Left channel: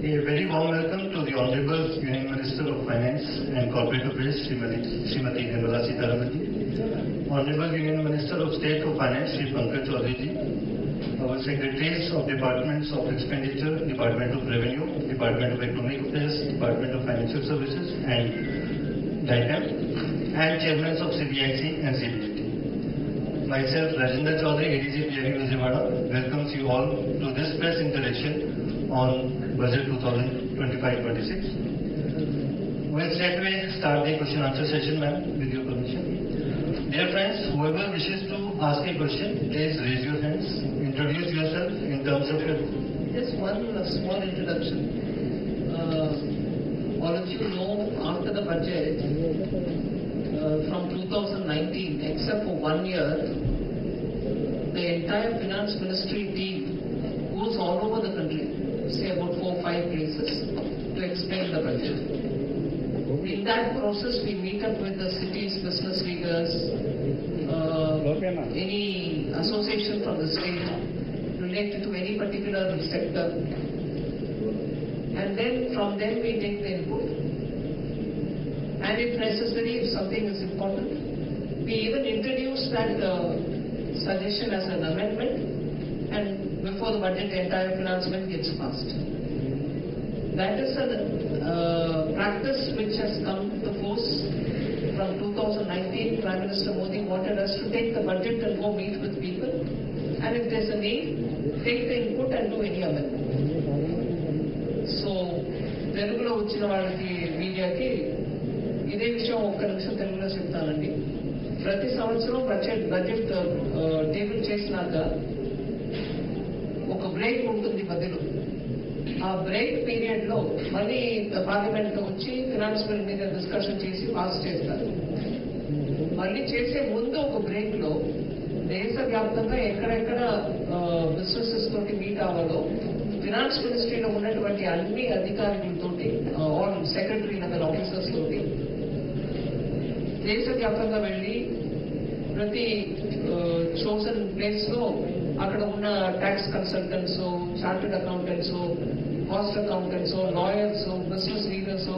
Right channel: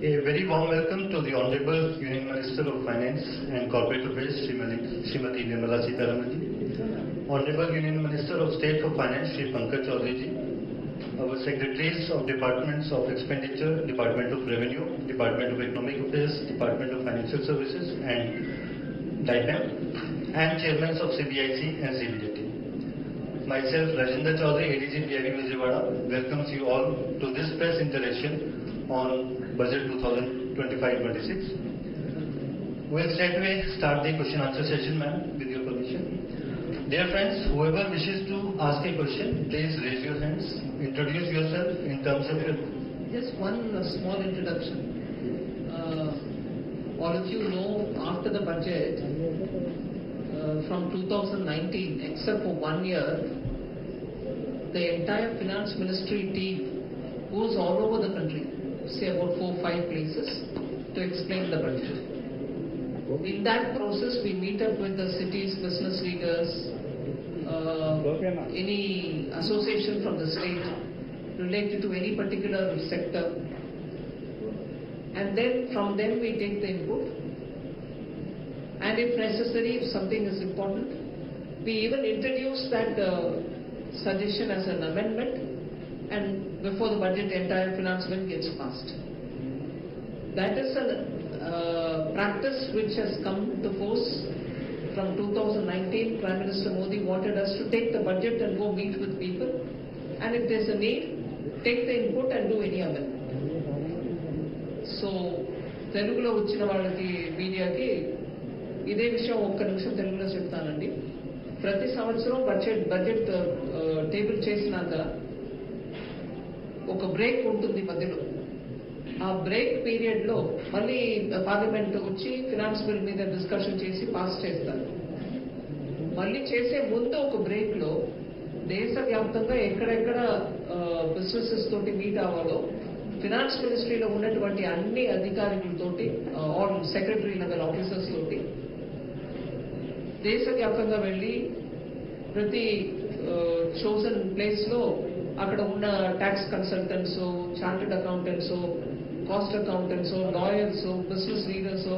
A very warm welcome to the Honorable Union Minister of Finance and Corporate Affairs, Srimati Nirmala Sitharaman ji, Honorable Union Minister of State for Finance, Shri Pankaj Chaudhary ji, our Secretaries of Departments of Expenditure, Department of Revenue, Department of Economic Affairs, Department of Financial Services and DIPAM, and Chairmen of CBIC and CBDT. Myself, Rajendra Chaudhary, ADG PIB Vijayawada, welcomes you all to this press interaction on Budget 2025-26. We'll straight away start the question answer session, ma'am, with your permission. Dear friends, whoever wishes to ask a question, please raise your hands. Introduce yourself in terms of your... Just one small introduction. All of you know, after the budget, from 2019, except for 1 year, the entire finance ministry team goes all over the country, say about 4 or 5 places, to explain the budget. In that process, we meet up with the city's business leaders, any association from the state related to any particular sector, and then from them we take the input. And if necessary, if something is important, we even introduce that suggestion as an amendment, and before the budget, the entire finance bill gets passed. That is a practice which has come to force from 2019. Prime Minister Modi wanted us to take the budget and go meet with people, and if there's a need, take the input and do any amendment. So, Telugulo వచ్చిన వాళ్ళకి మీడియాకి ఇదే విషయం ఒక్క నిమిషం తెలుగులో చెప్తానండి. ప్రతి సంవత్సరం బడ్జెట్ టేబుల్ చేసినాక ఒక బ్రేక్ ఉంటుంది మధ్యలో. ఆ బ్రేక్ పీరియడ్ లో మళ్ళీ పార్లమెంట్ లో వచ్చి ఫినాన్స్ బిల్ మీద డిస్కషన్ చేసి పాస్ చేస్తారు. మళ్ళీ చేసే ముందు ఒక బ్రేక్ లో దేశవ్యాప్తంగా ఎక్కడెక్కడ బిజినెసెస్ తోటి మీట్ అవ్వాలో ఫినాన్స్ మినిస్ట్రీలో ఉన్నటువంటి అన్ని అధికారులతోటి, ఆల్ సెక్రటరీ లెవెల్ ఆఫీసర్స్ తోటి దేశవ్యాప్తంగా వెళ్ళి ప్రతి చోజన్ ప్లేస్ లో అక్కడ ఉన్న tax consultants, chartered accountants, cost accountants, lawyers, business leaders,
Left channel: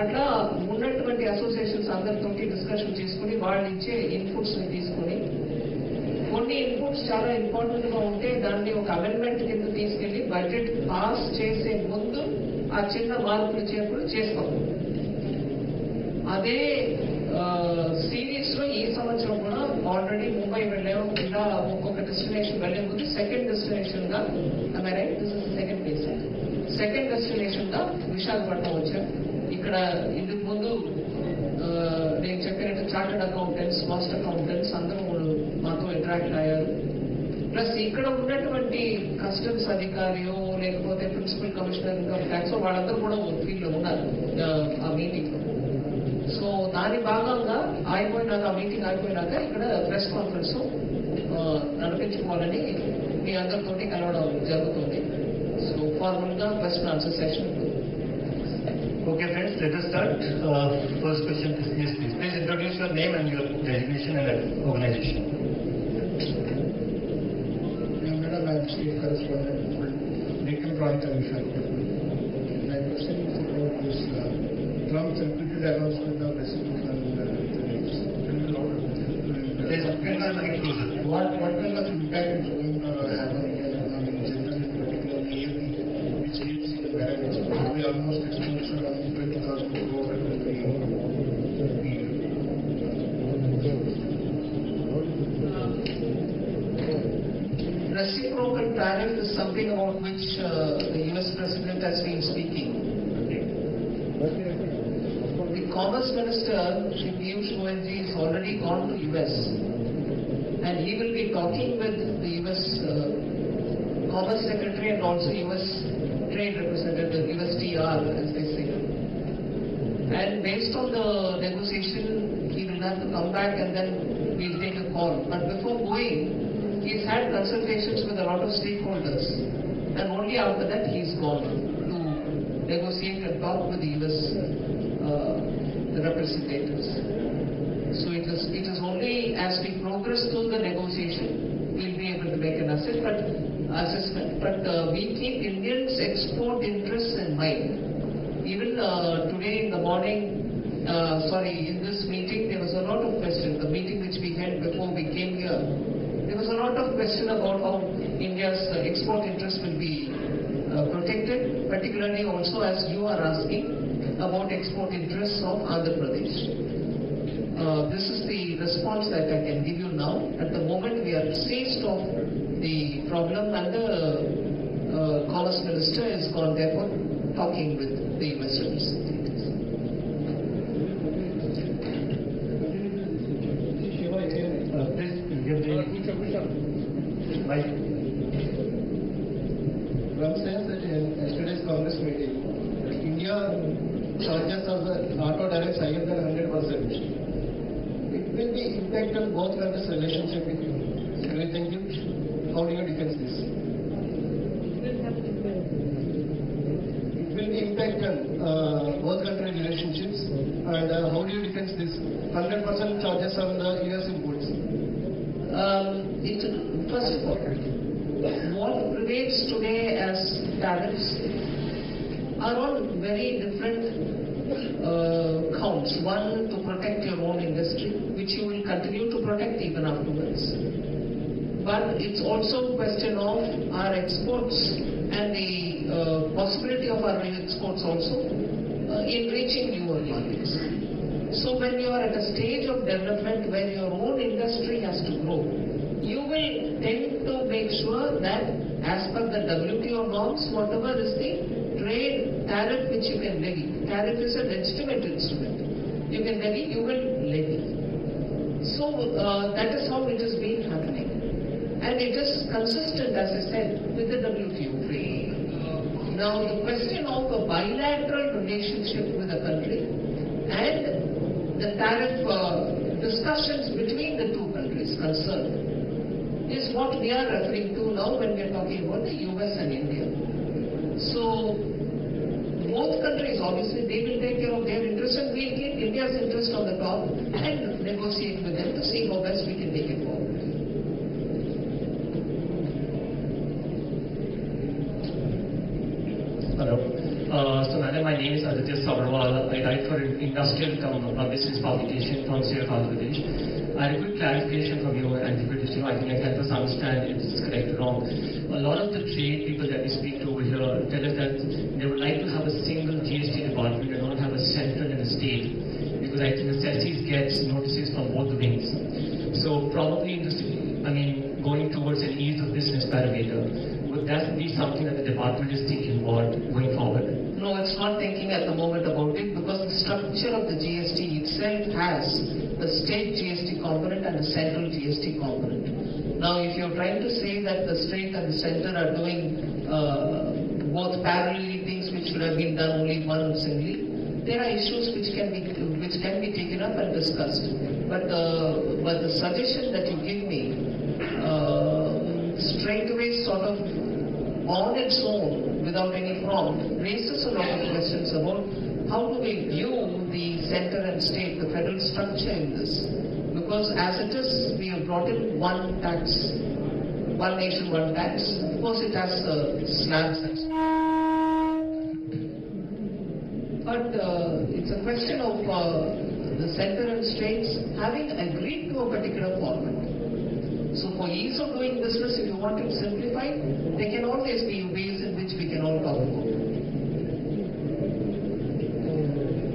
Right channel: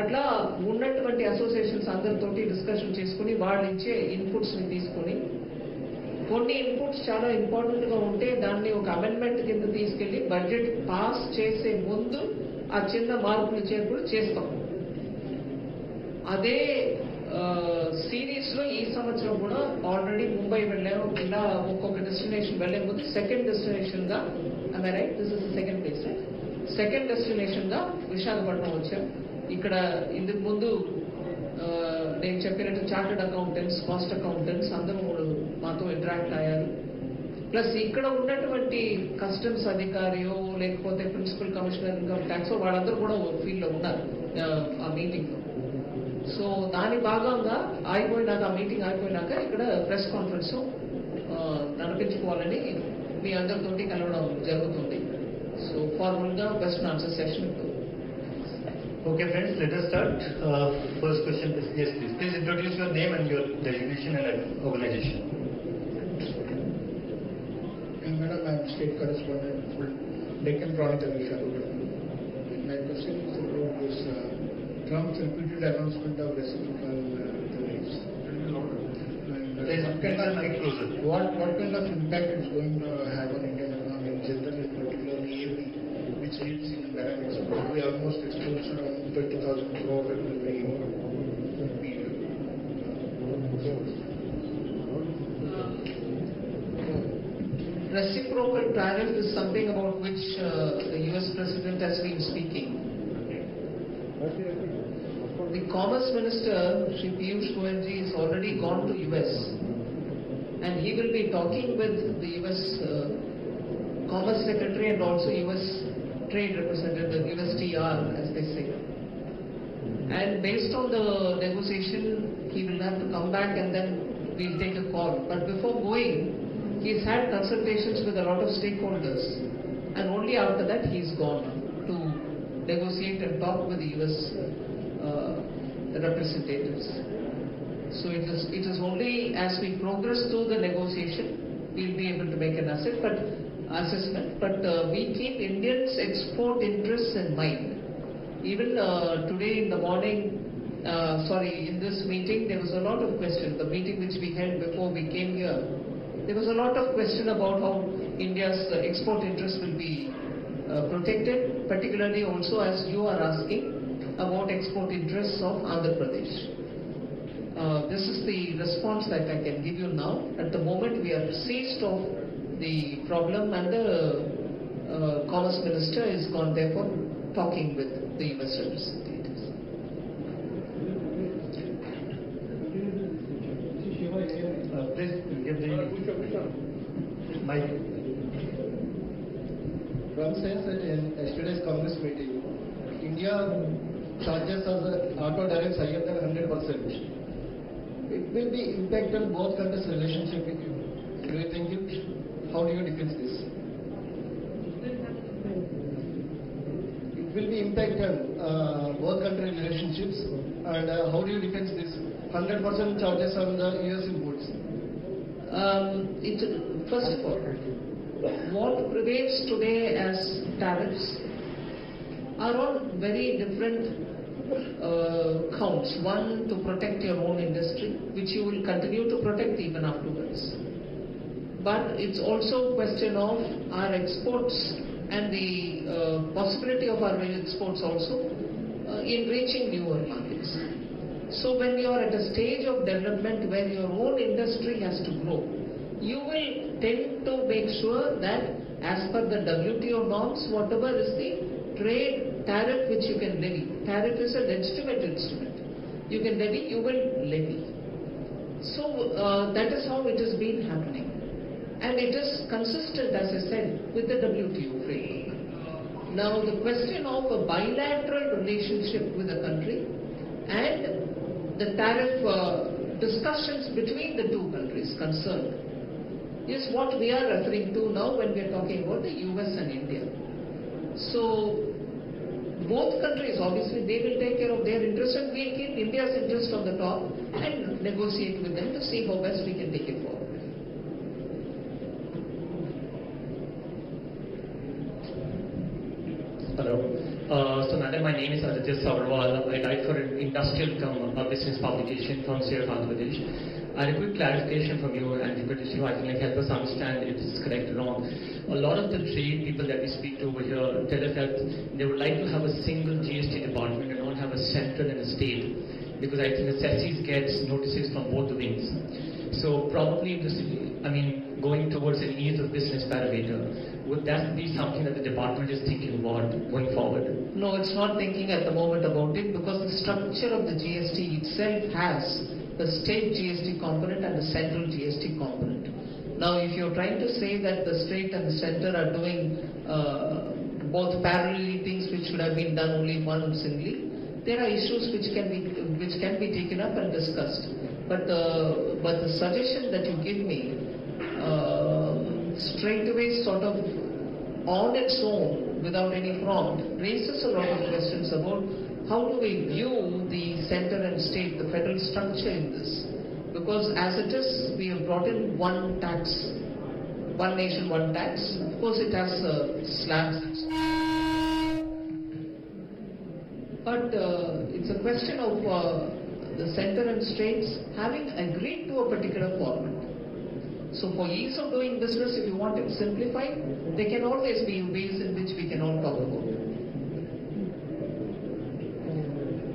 అట్లా ఉన్నటువంటి అసోసియేషన్స్ అందరితోటి డిస్కషన్ చేసుకుని వాళ్ళు ఇచ్చే ఇన్పుట్స్ ని తీసుకుని, కొన్ని ఇన్పుట్స్ చాలా ఇంపార్టెంట్ గా ఉంటే దాన్ని ఒక అమెండ్మెంట్ కింద తీసుకెళ్లి బడ్జెట్ పాస్ చేసే ముందు ఆ చిన్న మార్పులు చేర్పులు చేస్తాం. అదే సిరీస్ లో ఈ సంవత్సరం కూడా ఆల్రెడీ ముంబై వెళ్ళాము. ఇలా ఒక్కొక్క డెస్టినేషన్ వెళ్లే ముందు సెకండ్ డెస్టినేషన్ గా, right, this is second place, second destination గా విశాఖపట్నం వచ్చాం. ఇక్కడ ఇందుకు ముందు నేను చెప్పినట్టు చార్టెడ్ అకౌంటెంట్స్, కాస్ట్ అకౌంటెంట్స్ అందరూ మాతో ఇంటరాక్ట్ అయ్యారు. ప్లస్ ఇక్కడ ఉన్నటువంటి కస్టమ్స్ అధికారియో లేకపోతే ప్రిన్సిపల్ కమిషనర్ ఇన్కమ్ ట్యాక్స్ వాళ్ళందరూ కూడా ఫీల్డ్ లో ఉన్నారు ఆ మీటింగ్ లో. సో దాని భాగంగా అయిపోయినాక, ఆ మీటింగ్ అయిపోయినాక ఇక్కడ ప్రెస్ కాన్ఫరెన్స్ నడిపించుకోవాలని మీ అందరితోటి కలవడం జరుగుతుంది. సో ఫార్మల్ గా question answer session. Okay friends, let us start. First question is, yes please. Please introduce your name and your designation and organization. Madam, I am state correspondent for Deccan Chronicle Visakhapatnam. My question is about this Trump's repeated announcement of reciprocal tariffs. Please come a little closer. What kind of impact it's going to have on Indian economy in general, particularly AV, which needs in the parameters? Probably almost exposed around 20,000 crore every period. Reciprocal tariff is something about which the US President has been speaking. The Commerce Minister, Shri Piyush Goyal ji, has already gone to US, and he will be talking with the US Commerce Secretary and also US Trade Representative, USTR as they say. And based on the negotiation, he will have to come back and then we'll take a call. But before going, he's had consultations with a lot of stakeholders, and only after that he's gone to negotiate and talk with the US representatives. So it is only as we progress through the negotiation we'll be able to make an assessment. But we keep Indians' export interests in mind. Even today in the morning, in this meeting, there was a lot of question. The meeting which we had before we came here, there was a lot of question about how India's export interest will be protected, particularly also as you are asking about export interests of Andhra Pradesh. This is the response that I can give you now. At the moment, we are seized of the problem, and the Commerce Minister is gone therefore talking with the US representatives. Please give the mic. One says that in yesterday's Congress meeting, India charges us auto direct higher than 100%. It will be impact on both countries' relationship with you. Do you think it? How do you defend this? It will be impact on both countries' relationships, and how do you defend this 100% charges on the US imports? First of all, what prevails today as tariffs are on very different counts. One, to protect your own industry, which you will continue to protect even afterwards. But it's also a question of our exports and the possibility of our exports also in reaching newer markets. So when you are at a stage of development where your own industry has to grow, you will tend to make sure that as per the WTO norms, whatever is the trade tariff which you can levy. Tariff is a legitimate instrument. You can levy, you will levy. So that is how it has been happening. And it is consistent, as I said, with the WTO trade. Now the question of a bilateral relationship with a country and the tariff discussions between the two countries concerned is what we are referring to now when we are talking about the US and India. So both countries, obviously, they will take care of their interests, and we'll keep India's interest on the top and negotiate with them to see how best we can take it forward. Hello. So, madam, my name is Aditya Sabharwal. I write for an industrial business publication from Sierra Bangladesh. I have a quick clarification from you, and if you could help us understand if this is correct or wrong. A lot of the trade people that we speak to over here tell us that they would like to have a single GST department and not have a central and a state, because I think necessities gets notices from both the wings. So probably, going towards an ease of business parameter, would that be something that the department is thinking about going forward? No, it's not thinking at the moment about it, because the structure of the GST itself has a state GST component and a central GST component. Now, if you're trying to say that the state and the center are doing both parallelly things which should have been done only one singly, there are issues which can be taken up and discussed. But the suggestion that you give me straight away, sort of on its own, without any prompt, raises a lot of questions about how do we view the center and state, the federal structure in this. Because as it is, we have brought in one tax, one nation, one tax. Of course, it has slabs and but it's a question of the center and states having agreed to a particular format. So for ease of doing business, if you want it simplified, there can always be ways in which we can all talk about it.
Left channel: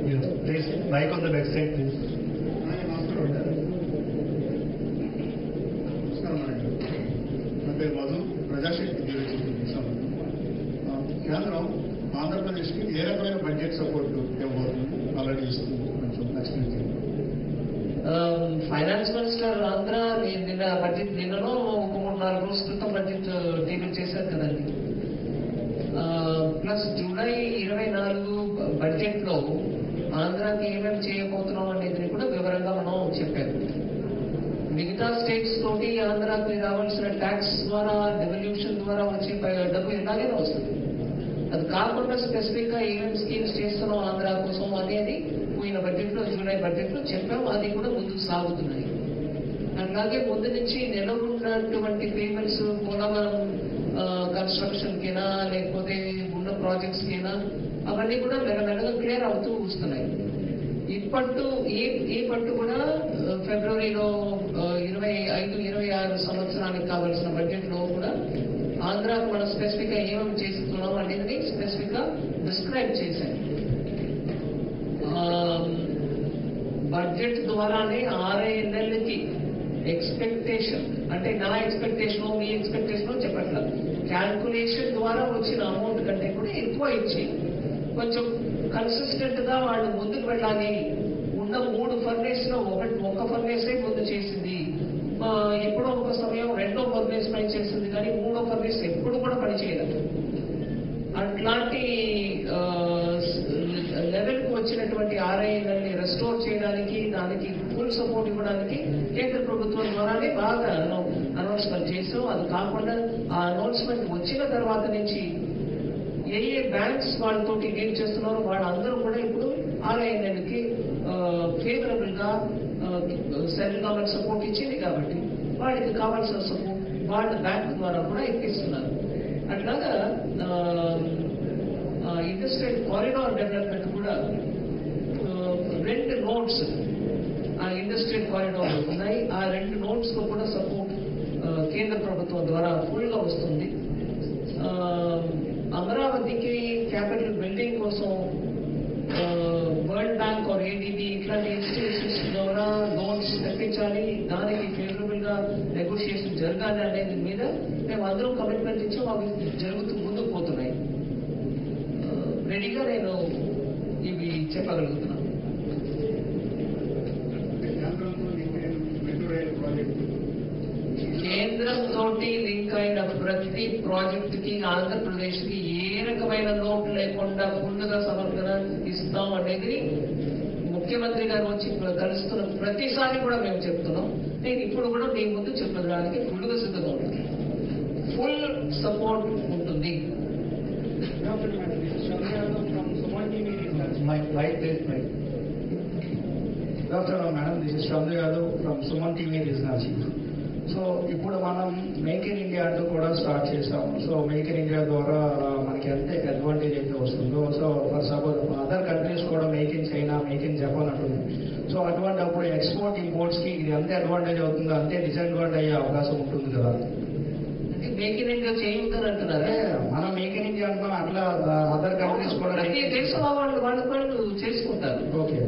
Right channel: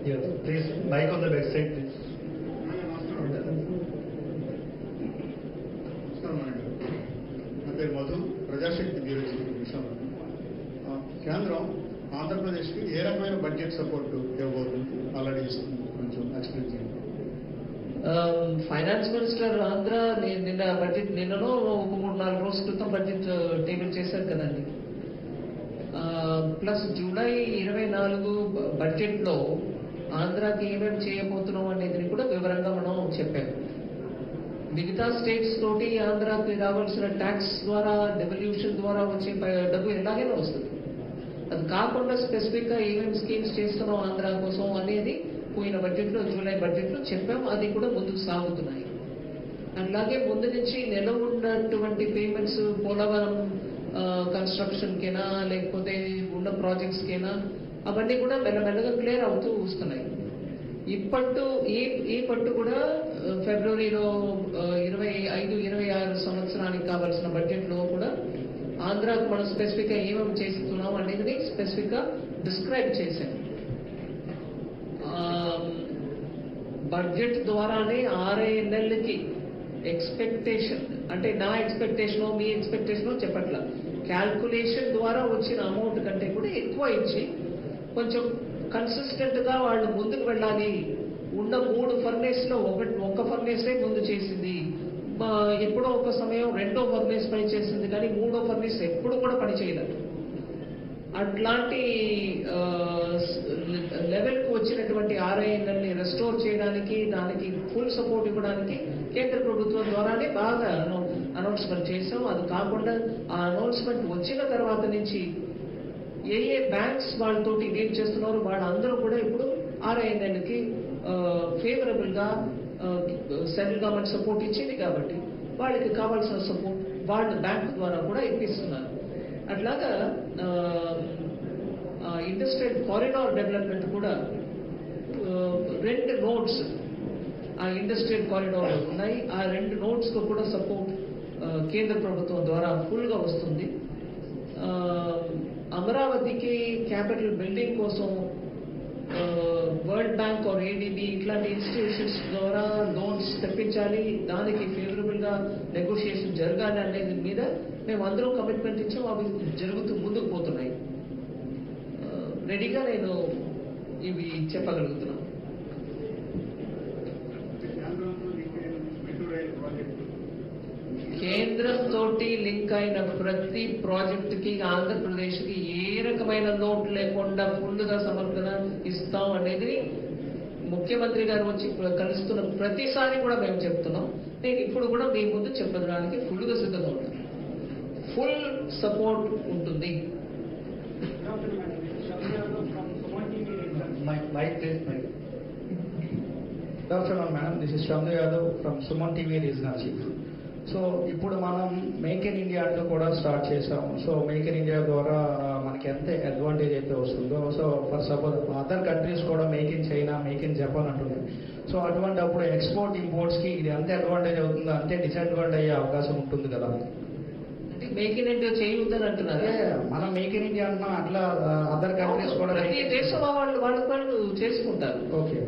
Yes, please, mic on the back side, please. నా పేరు Madhu, Prajasakti bureau కేంద్రం ఆంధ్రప్రదేశ్కి ఏ రకమైన budget support ఇవ్వబోతుంది, already ఇస్తుంది కొంచెం next finance minister Andhra నిన్న budget నిన్ననో ఒక 3-4 రోజుల క్రితం బడ్జెట్ టేబుల్ చేశారు కదండి. ప్లస్ జూలై 24 బడ్జెట్ లో ఆంధ్రాకి ఏమేమి చేయబోతున్నాం అనేది కూడా వివరంగా మనం చెప్పాము. మిగతా స్టేట్స్ తోటి ఆంధ్రాకి రావాల్సిన ట్యాక్స్ ద్వారా, డెవల్యూషన్ ద్వారా వచ్చే డబ్బు ఎలాగైనా వస్తుంది. అది కాకుండా స్పెసిఫిక్ గా ఏమేమి స్కీమ్స్ చేస్తున్నాం ఆంధ్ర కోసం అనేది పోయిన బడ్జెట్ లో, జూలై బడ్జెట్ లో చెప్పాము. అది కూడా ముందుకు సాగుతున్నాయి. అలాగే ముందు నుంచి నెలకొన్నటువంటి పేమెంట్స్ పోలవరం కన్స్ట్రక్షన్ కైనా లేకపోతే ఉన్న ప్రాజెక్ట్స్ కైనా అవన్నీ కూడా మెల్లమెల్లగా క్లియర్ అవుతూ వస్తున్నాయి. ఈ పట్టు కూడా ఫిబ్రవరిలో 25-26 సంవత్సరానికి కావాల్సిన బడ్జెట్ లో కూడా ఆంధ్రాకు మనం స్పెసిఫిక్ గా ఏమేమి చేస్తున్నాం అనేది స్పెసిఫిక్ గా డిస్క్రైబ్ చేశాం. బడ్జెట్ ద్వారానే 6 నెలలకి ఎక్స్పెక్టేషన్, అంటే నా ఎక్స్పెక్టేషన్ మీ ఎక్స్పెక్టేషన్ చెప్పట్ల, క్యాల్కులేషన్ ద్వారా వచ్చిన అమౌంట్ కంటే కూడా ఎక్కువ ఇచ్చి కొంచెం కన్సిస్టెంట్ గా వాళ్ళు ముందుకు వెళ్ళాలి. ఉన్న 3 ఫర్నేస్ లో ఒక్క ఫర్నేసే ముందు చేసింది, ఎప్పుడో ఒక సమయం 2వ ఫర్నేస్ పని చేసింది, కానీ 3వ ఫర్నేస్ ఎప్పుడు కూడా పని చేయలేదు. అట్లాంటి లెవెల్ కు వచ్చినటువంటి ఆర్ఐఎన్ఎల్ని రెస్టోర్ చేయడానికి, దానికి ఫుల్ సపోర్ట్ ఇవ్వడానికి కేంద్ర ప్రభుత్వం ద్వారానే బాగా అనౌన్స్మెంట్ చేసాం. అది కాకుండా ఆ అనౌన్స్మెంట్ వచ్చిన తర్వాత నుంచి ఏ బ్యాంక్స్ వాళ్ళతోటి డీల్ చేస్తున్నారో వాళ్ళందరూ కూడా ఇప్పుడు ఆర్ఐఎన్ఎల్కి ఫేవరబుల్ గా సెంట్రల్ గవర్నమెంట్ సపోర్ట్ ఇచ్చింది కాబట్టి వాళ్ళకి కావాల్సిన సపోర్ట్ వాళ్ళ బ్యాంక్ ద్వారా కూడా ఇప్పిస్తున్నారు. అట్లాగా ఇండస్ట్రియల్ కారిడార్ డెవలప్మెంట్ కూడా 2 నోడ్స్ ఆ ఇండస్ట్రియల్ కారిడార్ ఉన్నాయి. ఆ 2 నోడ్స్ లో కూడా సపోర్ట్ కేంద్ర ప్రభుత్వం ద్వారా ఫుల్ గా వస్తుంది. అమరావతికి క్యాపిటల్ బిల్డింగ్ కోసం వరల్డ్ బ్యాంక్ ఆర్ ఏడీబీ ఇట్లాంటి ఇన్స్టిట్యూషన్స్ ద్వారా లోన్స్ తెప్పించాలి, దానికి ఫేవరబుల్ గా నెగోషియేషన్ జరగాలి అనేది మీద మేము అందరూ కమిట్మెంట్ ఇచ్చాం. అవి జరుగుతూ ముందుకు పోతున్నాయి. రెడీగా నేను ఇవి చెప్పగలుగుతున్నాను. కేంద్రంతో లింక్ అయిన ప్రతి ప్రాజెక్ట్ కి ఆంధ్రప్రదేశ్ కి ఏ రకమైన లోటు లేకుండా ఫుల్గా సమర్థన ఇస్తాం అనేది ముఖ్యమంత్రి గారు వచ్చి కలుస్తున్న ప్రతిసారి కూడా మేము చెప్తున్నాం. నేను ఇప్పుడు కూడా మీ ముందు చెప్పడానికి ఫుల్గా సిద్ధంగా ఉంటాను. ఫుల్ సపోర్ట్ ఉంటుంది. Dr. Madam, this is Shamdu Yadav from Suman TV Regional Chief. So ఇప్పుడు మనం మేక్ ఇన్ ఇండియా అంటూ కూడా స్టార్ట్ చేసాం. సో మేక్ ఇన్ ఇండియా ద్వారా మనకి ఎంత అడ్వాంటేజ్ అయితే వస్తుందో, so for suppose other countries కూడా make in China, make in Japan అంటుంది. సో అటువంటి అప్పుడు ఎక్స్పోర్ట్ ఇంపోర్ట్స్ కి ఇది ఎంత అడ్వాంటేజ్ అవుతుందో అంతే డిసడ్వాంటేజ్ అయ్యే అవకాశం ఉంటుంది కదా. మేక్ ఇన్ ఇండియా చేయొద్దని అంటున్నారా? మనం మేక్ ఇన్ ఇండియా అంటున్నాం, అట్లా అదర్ కంట్రీస్ కూడా ప్రతి దేశంలో వాళ్ళు చేసుకుంటారు. ఓకే,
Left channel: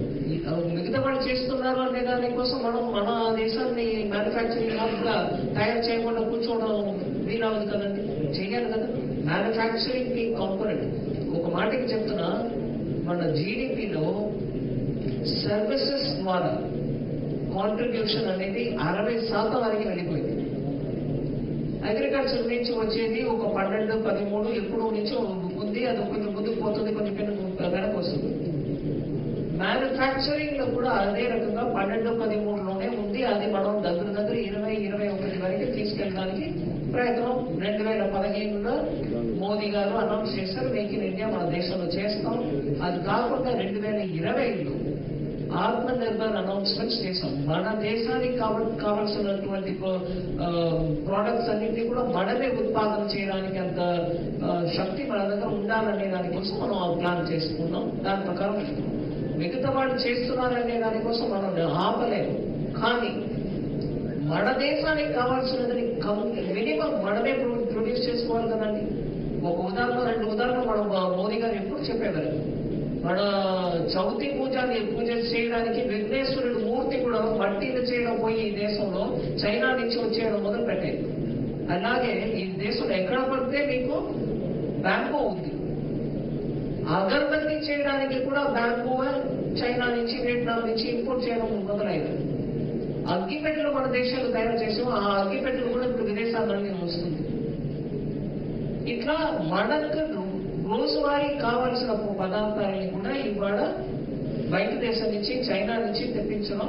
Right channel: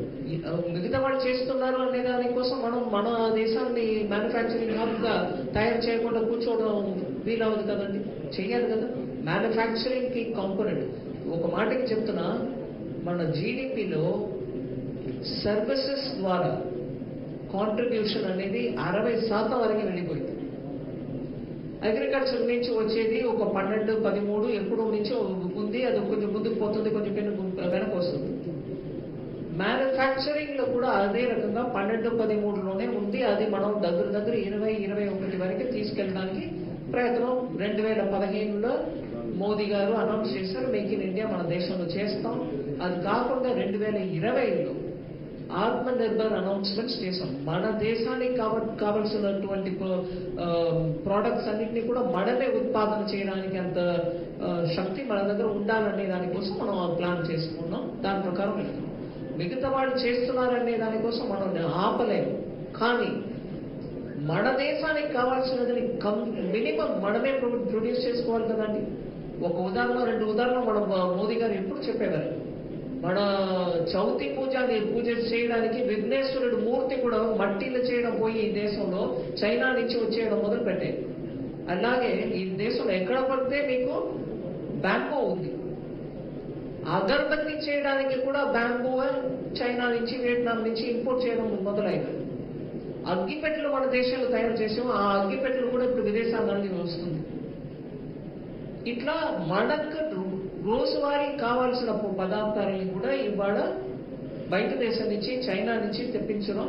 మిగతా వాళ్ళు చేస్తున్నారు అనే దానికోసం మనం మన దేశాన్ని మ్యానుఫ్యాక్చరింగ్ హబ్ గా తయారు చేయకుండా కూర్చోవడం వీలవదు కదండి, చెయ్యాలి కదా. మ్యానుఫ్యాక్చరింగ్ కి కాంపోనెంట్ ఒక మాటకి చెప్తున్నా, మన జీడిపిలో సర్వీసెస్ ద్వారా కాంట్రిబ్యూషన్ అనేది 60% వరకు వెళ్ళిపోయింది. అగ్రికల్చర్ నుంచి వచ్చేది ఒక 12-13 ఎప్పుడో నుంచో ఉంది, అది కొంచెం ముందుకు పోతుంది, కొంచెం వెనక వస్తుంది. మ్యానుఫ్యాక్చరింగ్ లో కూడా అదే రకంగా 12-13లోనే ఉంది. అది మనం దగ్గర 20-21 వరకు తీసుకెళ్ళడానికి ప్రయత్నం 2015లో మోదీ గారు అనౌన్స్ చేశారు, మేక్ ఇన్ ఇండియా మన దేశంలో చేస్తాం. అది కాకుండా 2020లో ఆత్మ నిర్భర్ అనౌన్స్మెంట్స్ చేశాం. మన దేశానికి కావాల్సినటువంటి ప్రోడక్ట్స్ అన్నింటినీ కూడా మనమే ఉత్పాదన చేయడానికి అంత శక్తి మన దగ్గర ఉండాలనే దానికోసం మనం ప్లాన్ చేసుకున్నాం. దాని ప్రకారం వెళ్తున్నాం. మిగతా వాళ్ళు చేస్తున్నారనే దానికోసం మనం ఆపలేము, కానీ మన దేశానికి కావాల్సినది మినిమం మనమే ప్రొడ్యూస్ చేసుకోవాలి కదండి. ఒక ఉదాహరణ 2 ఉదాహరణ మనం మోదీ గారు ఎప్పుడు చెప్పేవారు. మన చవితి పూజ చేయడానికి విఘ్నేశ్వరుడు మూర్తి కూడా మట్టిలో చేయడం పోయి ఈ దేశంలో చైనా నుంచి వచ్చేయడం మొదలు పెట్టేది. అలాగే ఈ దేశంలో ఎక్కడ పడితే మీకు బ్యాంబూ ఉంది. అగరబత్తి చేయడానికి కూడా బ్యాంబూ చైనా నుంచి, వియట్నాం నుంచి ఇంపోర్ట్ చేయడం మొదలైంది. అగ్గిపెట్టెలు మన దేశంలో తయారు చేసాం. ఆ అగ్గిపెట్టెలు కూడా ఇప్పుడు విదేశాల వస్తుంది. ఇట్లా మనకు రోజువారీ కావాల్సిన పదార్థాలని కూడా ఇవాళ బయట దేశం నుంచి, చైనా నుంచి తెప్పించడం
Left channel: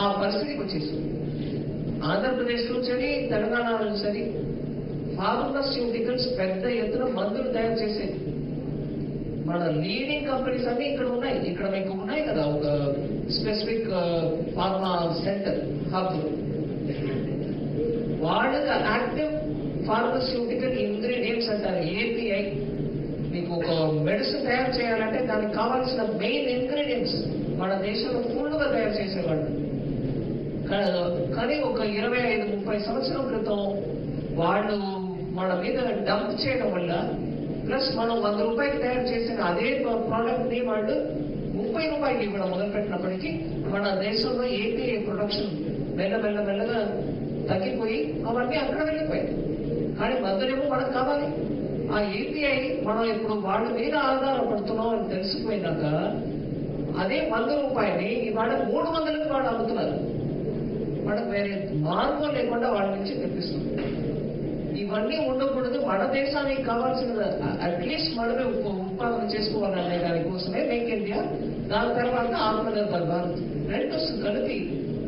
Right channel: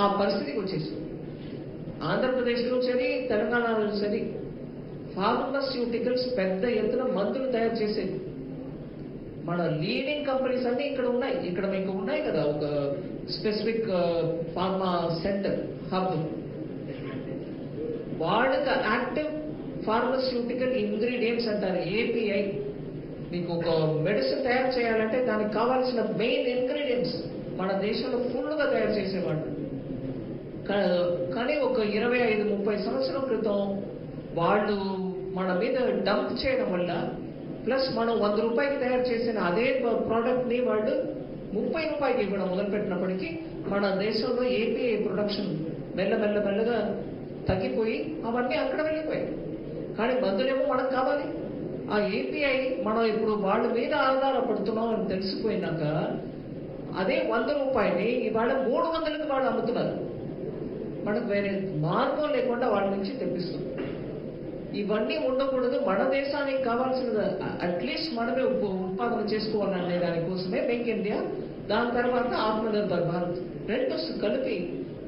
ఆ పరిస్థితికి వచ్చేసింది. ఆంధ్రప్రదేశ్లో సరి, తెలంగాణలో సరి ఫార్మాస్యూటికల్స్ పెద్ద ఎత్తున మందులు తయారు చేసేది. మన లీడింగ్ కంపెనీస్ అన్ని ఇక్కడ ఉన్నాయి. ఇక్కడ మీకు ఉన్నాయి కదా ఒక స్పెసిఫిక్ ఫార్మా సెంటర్ హబ్. వాళ్ళకి యాక్టివ్ ఫార్మస్యూటికల్ ఇంగ్రీడియంట్స్ అంటారు, ఏపీఐ. మీకు ఒక మెడిసిన్ తయారు చేయాలంటే దానికి కావాల్సిన మెయిన్ ఇంగ్రీడియంట్స్ మన దేశంలో ఫుల్గా తయారు చేసేవాళ్ళు. కానీ ఒక 25-30 సంవత్సరాల క్రితం వాళ్ళు మన మీద డంప్ చేయడం వల్ల, ప్లస్ మనం 100 రూపాయలు తయారు చేసిన అదే ప్రోడక్ట్ ని వాళ్ళు 30 రూపాయలకి ఇవ్వడం మొదలుపెట్టినప్పటికీ మన దేశంలో ఏపీఐ ప్రొడక్షన్ మెల్లగా తగ్గిపోయి అవన్నీ అక్కడ వెళ్ళిపోయాయి. కానీ మందులేమో మనకు కావాలి. ఆ ఏపీఐ మనం ఇప్పుడు వాళ్ళ మీద ఆధారపడుతున్నాం అని తెలిసిపోయినాక అదే 100 రూపాయలని ఇవాళ 300కి వాళ్ళు అమ్ముతున్నారు. మనకు వేరే మార్గం లేకుండా వాళ్ళ నుంచి తెప్పిస్తుంది. ఇవన్నీ ఉండకూడదు. మన దేశానికి కావాల్సిన అట్లీస్ట్ మనమే ఉత్పాదన చేసుకోవాలనే దానికోసమే మేక్ ఇండియా, దాని తర్వాత ఆత్మనిర్భర్ భారత్ రెండు కలిపి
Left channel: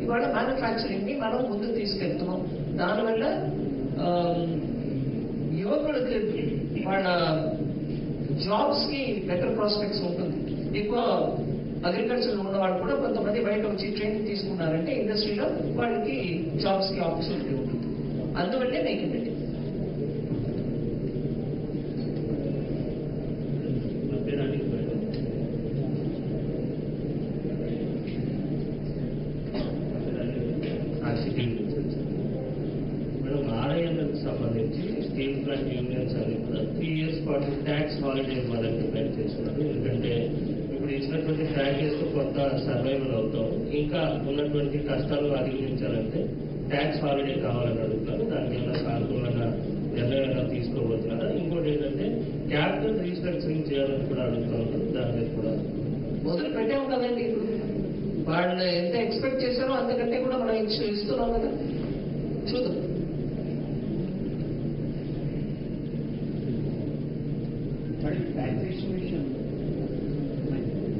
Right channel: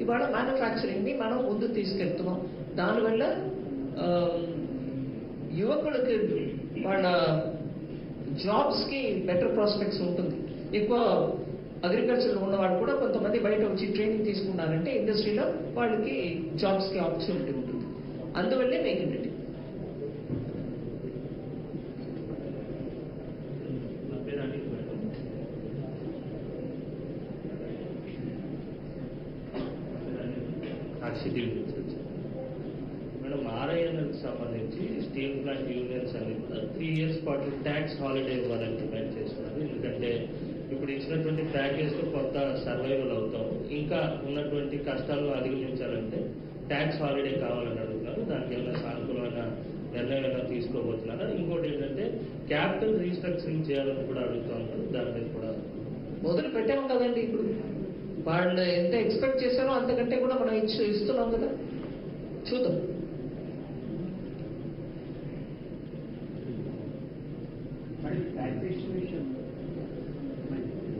ఇవాళ మ్యానుఫ్యాక్చరింగ్ ని మనం ముందుకు తీసుకెళ్తున్నాం. దానివల్ల యువకులకి వాళ్ళ జాబ్స్ కి బెటర్ ప్రాస్పెక్ట్స్ ఉంటుంది. ఎక్కువ అగ్రికల్చర్ ఉన్న వాళ్ళు కూడా కొంతమంది బయట వచ్చి ట్రైనింగ్ తీసుకున్నారంటే ఇండస్ట్రీలో వాళ్ళకి జాబ్స్ కి ఆపర్చునిటీ ఉంటుంది. అందువల్లే మేక్ ఇన్ ఇండియా. మేడం, ఆర్ఐఎన్ఎల్కి సంబంధించి స్టీల్ ప్లాంట్ యూనియన్స్ అన్ని కూడా 3 years పాటు ట్యాక్స్ హాలిడే ఇవ్వాలని డిమాండ్ చేస్తున్నారు. ఎందుకంటే ఇప్పుడు ఇచ్చినటువంటి ప్యాకేజ్ కొంత సర్వైవల్ అవుతాం, ఇంకా ఉన్నటువంటి కష్టాలు అధిగమించాలంటే ట్యాక్స్ హాలిడే కావాలని అడుగుతున్నారు. దానివల్ల సానుకూలంగా నిర్ణయాలు తీసుకోబోతున్నారా? ఇంకోటి ఏంటంటే క్యాపిటల్ రీస్ట్రక్చరింగ్ చేయాలని కూడా అడుగుతా ఉన్నారు. దాని మీద కూడా మొదలు పెట్టాము కదండి. ఇప్పుడు వాళ్ళు ఎంత ఎక్స్పెక్ట్ చేశారో అంతకంటే కూడా మనం ఇస్తున్నాం కదా, చూద్దాం.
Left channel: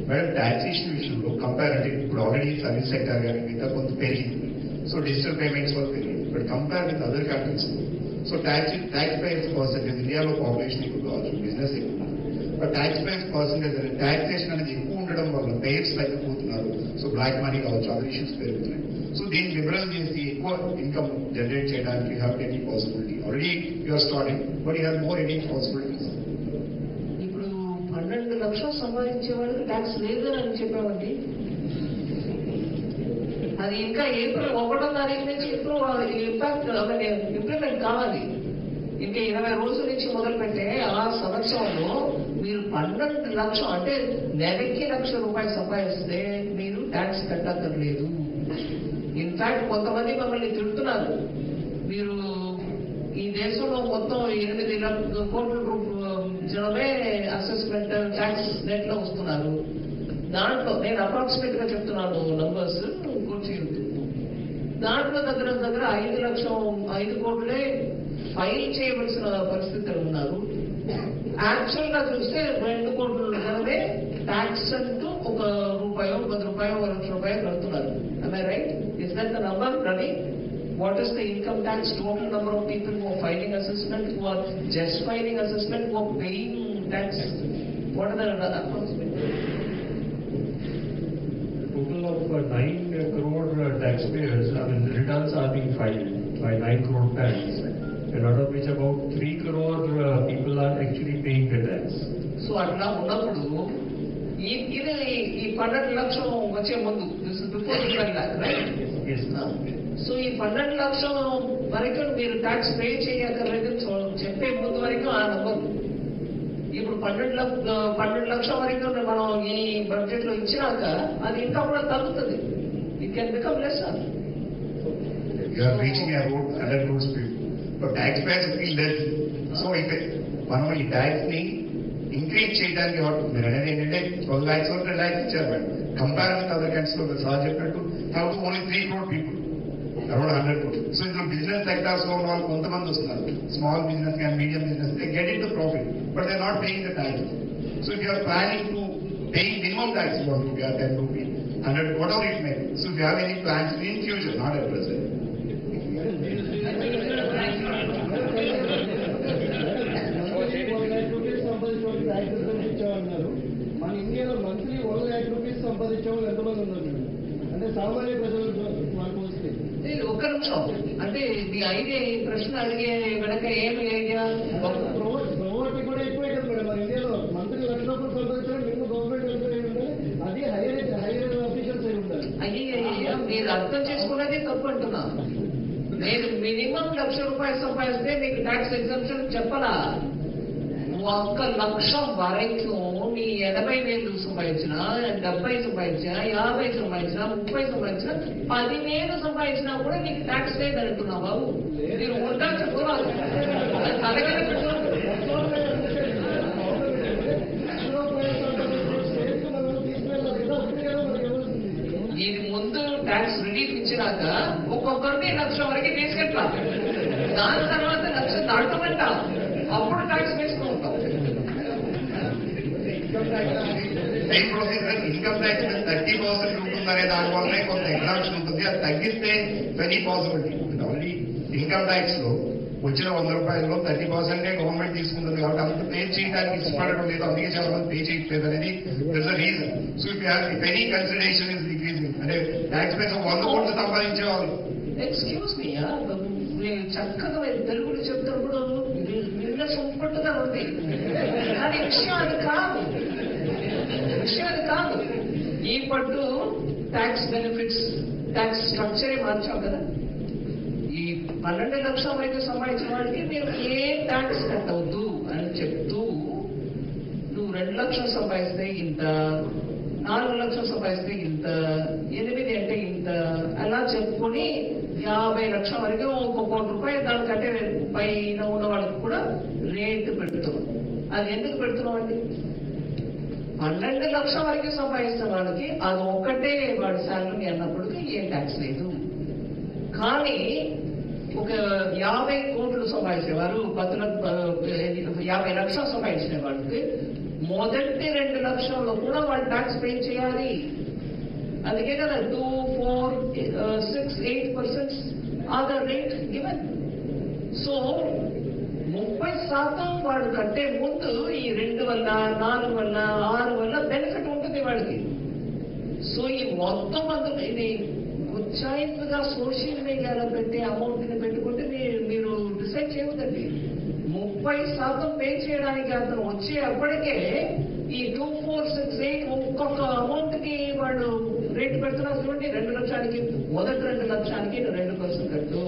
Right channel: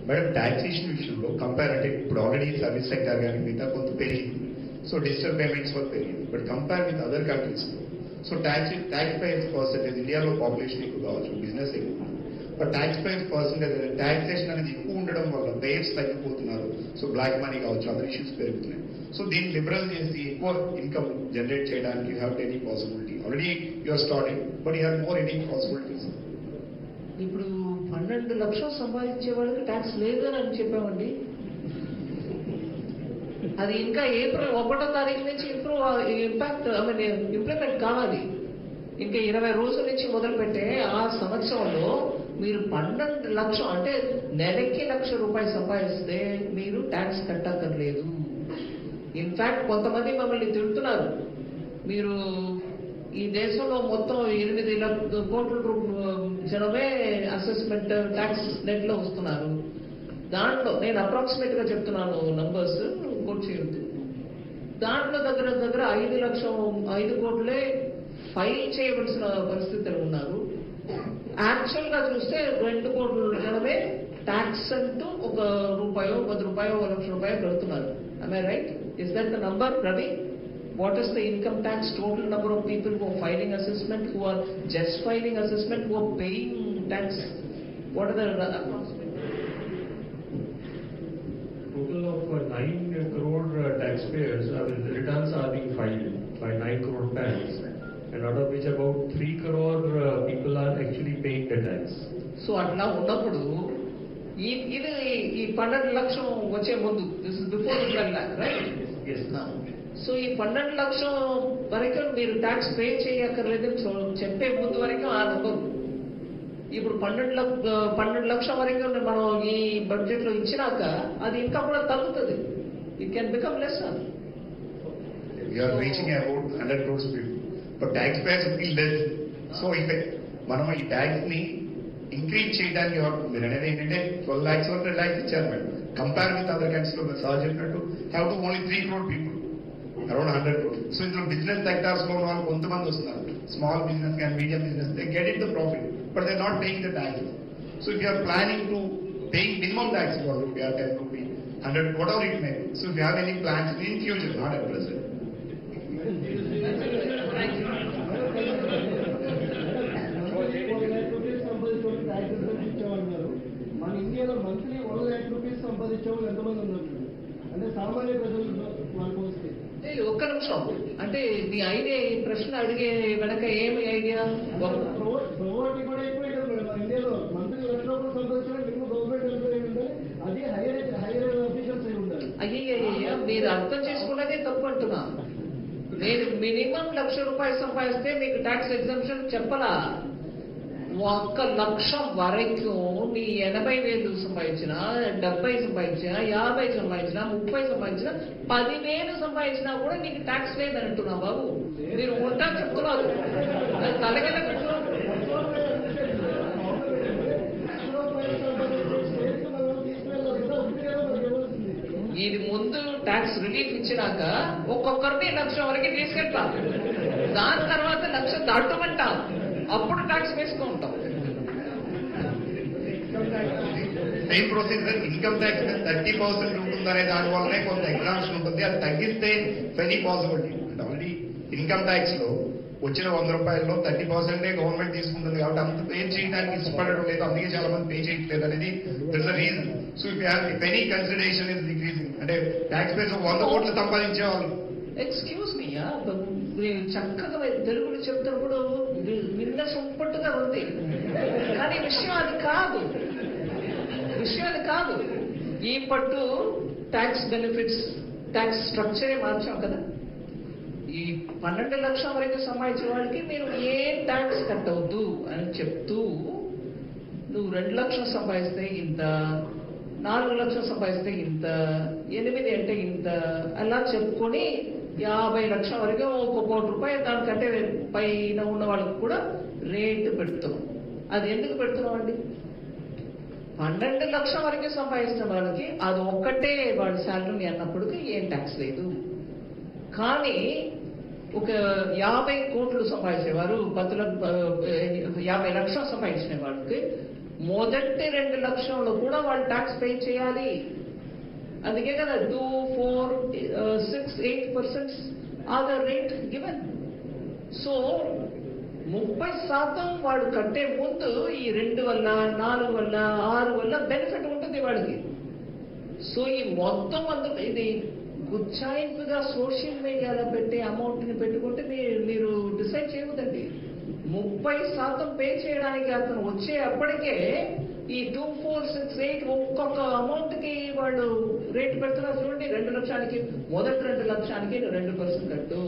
మేడం, టాక్సేషన్ విషయంలో కంపేర్ అంటే ఇప్పుడు ఆల్రెడీ సర్వీస్ సెక్టర్ కానీ మిగతా కొంత పెరిగింది. సో డిజిటల్ పేమెంట్స్ వల్ల పెరిగింది. But compare with other countries, so tax payers percentage ఇండియాలో పాపులేషన్ ఎక్కువ కావచ్చు, బిజినెస్ ఎక్కువ, but tax payers percentage taxation అనేది ఎక్కువ ఉండడం వల్ల పేయర్స్ తగ్గిపోతున్నారు. సో బ్లాక్ మనీ కావచ్చు, అదర్ ఇష్యూస్ పెరుగుతున్నాయి. సో దీన్ని లిబరల్ చేసి ఎక్కువ ఇన్కమ్ జనరేట్ చేయడానికి you have any possibility. Already you are starting, but you have more any possibilities. ఇప్పుడు 12 లక్షలు సంపాదించే వాళ్ళకి ట్యాక్స్ లేదు అని చెప్పామండి. అది ఇంకా ఏప్రిల్ 1వ తారీఖు నుంచి ఇంప్లిమెంట్ కావాలి. ఇంకా 20 రోజుల నుంచి మొదలు పెట్టే ఆ సంవత్సరంలో మీరు 12 లక్షలు అంటే నెలకి ₹1,00,000 సంపాదిస్తే మీరు ట్యాక్స్ కట్టక్కర్లేదు. ఇన్ఫాక్ట్ కొంతమంది మమ్మల్ని తిడుతున్నారు, మీరు ఈ దేశంలో మొత్తం 8 కోట్ల జనమే అసెస్మెంట్ ట్యాక్స్ నెట్ లో వస్తున్నారు. దాంట్లో నేను అప్రాక్సిమేట్ గా చెప్తున్నాను, నంబర్స్ కోట్ చేయొద్దు. దాంట్లో దగ్గర 5 కోట్లే ఫైల్ చేయవలసిన పరిస్థితులు ఉన్నారు. యాక్చువల్ గా చూస్తే 2 కోట్ల జనమే ట్యాక్స్ అంటూ ₹1, ₹10, ₹1,00,000 కడుతున్నారు. Am I right? Is that the number, Ravi? What is the income tax total number of people who are filing assessment, who are just filing assessment, who are paying tax? What are the approximate? Total of 9 crore taxpayers, I mean, returns are being filed by 9 crore PANs, and out of which about 3 crore people are actually paying the tax. So అట్లా ఉన్నప్పుడు ఇది ఈ 12 లక్షలు వచ్చే ముందు, this is before 12 lakh, right? Yes. So ఈ 12 లక్షల వరకు మీరు ట్యాక్స్ పే చేయక్కర్లేదు చెప్పే ముందు వరకు ఆ నంబర్. ఇప్పుడు 12 లక్షల వరకు మనం ఈ బడ్జెట్ లో ఇచ్చినాక అది ఇంకా కూడా తగ్గుతుంది. It can become less. You are reaching about 100 crores people. But taxpayers will be less. So if మనం ఈ ట్యాక్స్ ని ఇంక్రీజ్ చేయడానికి అనేది ఏంటంటే 12 lakhs 2 lakhs ఇచ్చారు madam. Compare with other countries లో సార్ చెప్పినట్టు have to only 3 crore people, around 100 crores. So ఇందులో బిజినెస్ సెక్టార్స్ లో ఉన్న వాళ్ళు కొంతమంది వస్తున్నారు, స్మాల్ బిజినెస్ కానీ medium business, they get in to profit but they not paying the tax. So if you are planning to paying minimum tax ₹1 or ₹10, 100, whatever it may be. So if you have any plans in future, not at present. ఒక్క నిమిషం, అంటే the idea ఈ ప్రశ్న అడిగే వెనక ఏమి idea? అయ్యయ్య, మీరు అర్థం చేసుకున్నదే తప్పు అంటున్నా. నేను మినిమం ₹1,00,000 సంపాదిస్తే మీకు ట్యాక్స్ ఎగ్జంప్షన్ చెప్పలా. 1,00,000 వరకు మీ 80,000 సంపాదించినా, 70 సంపాదించినా, 50 సంపాదించినా, 30 సంపాదించినా, 10,000 సంపాదించినా కూడా మీకు ట్యాక్స్ లేదంటున్నా బాబు. మీరు ఉంటా చెప్తున్నారు, అది తలగల పెట్టు. ఇది ముందు ట్యాక్స్ రిలీఫ్ ఇచ్చినాక ఒక్కొక్కరిని 1,00,000 వరకు తీసుకెళ్తా, దాని తర్వాత 1,00,000 దాటమంట, అప్పుడు ట్యాక్స్ వేసుకుంటాం. టైం ప్రొసీజర్ ఇన్కమ్ ట్యాక్స్ 30% ఉంటుందనే దానివల్లనే కొంత ఎగ్జామ్షన్ ఉంటుంది. అది తగ్గిస్తే very possibility. Only income tax లో వచ్చిన ₹100లో 30% గవర్నమెంట్ తీసుకుంటుంది కాబట్టి అంత పే చేయడానికి ఇష్టపడడం లేదు, అందుకే చాలా మంది పే చేయట్లేదు అనేది this a reason. So if any consideration is decreasing, అంటే ట్యాక్స్ పేస్ 100 కోట్లు సంపాదించేవాళ్ళు. ఎక్స్క్యూజ్ మీ, నేను చక్కగా తెలుగులో చెప్తున్నప్పుడు విన్న సొంపట్టుగా ఉంది, కానీ విషయం అది కాదు. ఈ పట్టు ట్యాక్స్ బెనిఫిట్స్, ట్యాక్స్ స్ట్రక్చరే మార్చాం కదా. ఈ 12,00,000 వరకు సంపాదించిన వాడికి మీరు ఏ ట్యాక్స్ కట్టవద్దు అని చెప్తూ, నువ్వు 2,00,000 సంపాదిస్తే ఇంత, 4,00,000 సంపాదిస్తే ఇంత, 8 అంటే ఇంత, అలా చెప్పుకుని 50,00,000 వరకు ₹1,00,00,000 దానికంటే పైన ఉన్న వాళ్ళకి కూడా రేట్ పెడుతున్నాం. అది ఎందుకు పెడుతున్నాం అండి? 12,00,000 వరకు సంపాదిస్తున్న వాళ్ళకి అది ఒక్కటే వాడి శాలరీ అన్నప్పటికీ ఏ ట్యాక్స్ లేదు. కానీ ఒక 50 కోట్లు సంపాదించేవారు, 50,00,000 సంపాదించిన వాళ్ళకి మొదటి 2,00,000 కూడా వాళ్ళు ట్యాక్స్ పే చేయాలి. అందుకే కదా 2, 4, 6, 8% are the rate given. So 30% వాడు కట్టే ముందు ఈ 2 వల్ల, 4 వల్ల, 6 వల్ల బెనిఫిట్ ఉంటుంది వాడికి. సో ఈ మొత్తం అంతా ఇది ఉజ్జాయింపుగా సోషల్ మీడియాలో పెట్టే అమౌంట్ ని పెట్టుకుంటే మీరు డిసైడ్ చేయవద్దండి. 30% పే చేయడానికి అతను వచ్చేప్పటికే ఈ 2, 4, 6, 8 ఒక్కొక్క అమౌంట్ కి వాళ్ళు రేట్ పెడుతున్నారు చూడండి. 2,00,000కి మొదటి 2,00,000కి 2% కట్టు,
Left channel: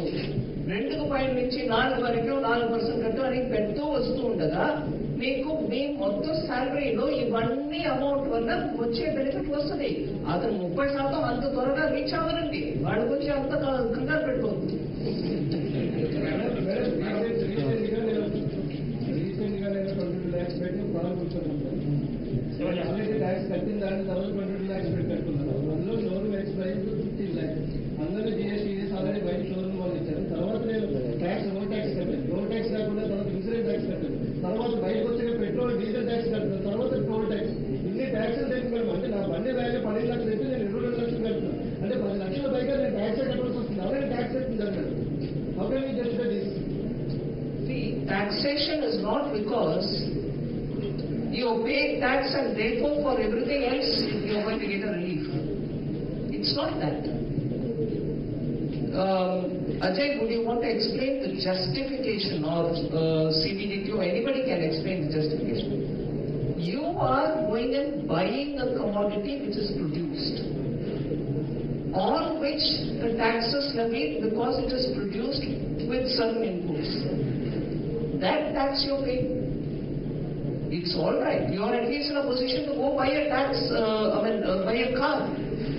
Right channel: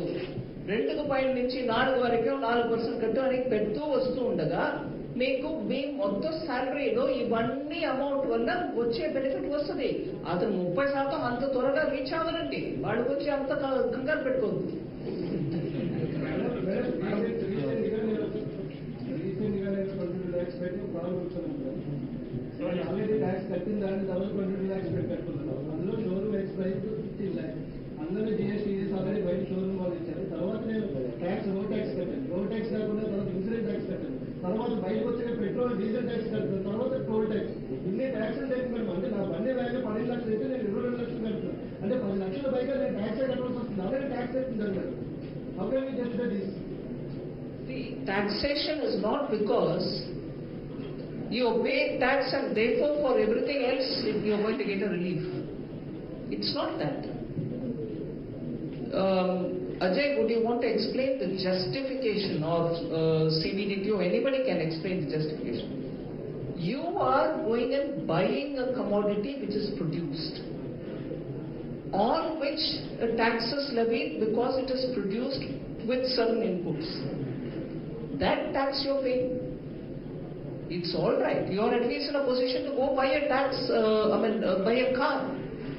2కు పైన నుంచి 4 వరకు 4% కట్టు అని పెడుతూ వస్తూ ఉండగా మీకు మీ మొత్తం శాలరీలో ఇవన్నీ అమౌంట్ వల్ల వచ్చే బెనిఫిట్ వస్తుంది. అతను 30% అంత త్వరగా రీచ్ అవ్వాలండి, వాడి గురించి అంత కంగారు పెట్టుకోవద్దు. Taxation is not because you pay tax and therefore for everything else you are going to get a relief. It's not that. Ajay, would you want to explain the justification or CBDQ? Anybody can explain the justification. You are going and buying a commodity which is produced, on which a tax is levied because it is produced with certain inputs. That tax you're paying. It's all right. You're at least in a position to go buy a buy a car.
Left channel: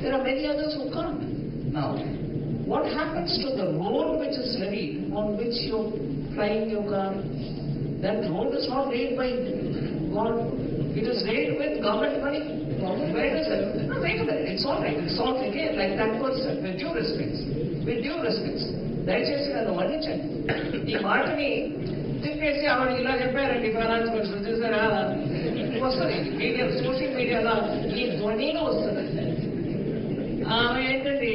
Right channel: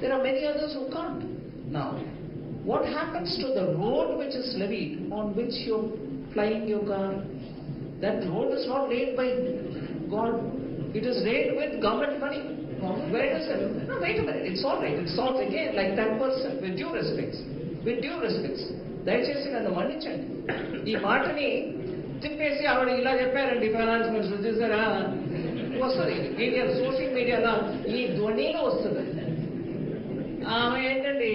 There are many others who can't. Now, what happens to the road which is levied, on which you're flying your car? That road is not laid by God. It is laid with government money. Where does it? No, wait a minute. It's all right. It's all again like that person. With due respects. దయచేసి నన్ను మన్నించండి. ఈ మాటని తిప్పేసి ఆవిడ ఇలా చెప్పారండి finance minister, చూసారా వస్తుంది మీడియా, సోషల్ మీడియాలో ఈ ధ్వనిలో వస్తుంది. ఆమె ఏంటండి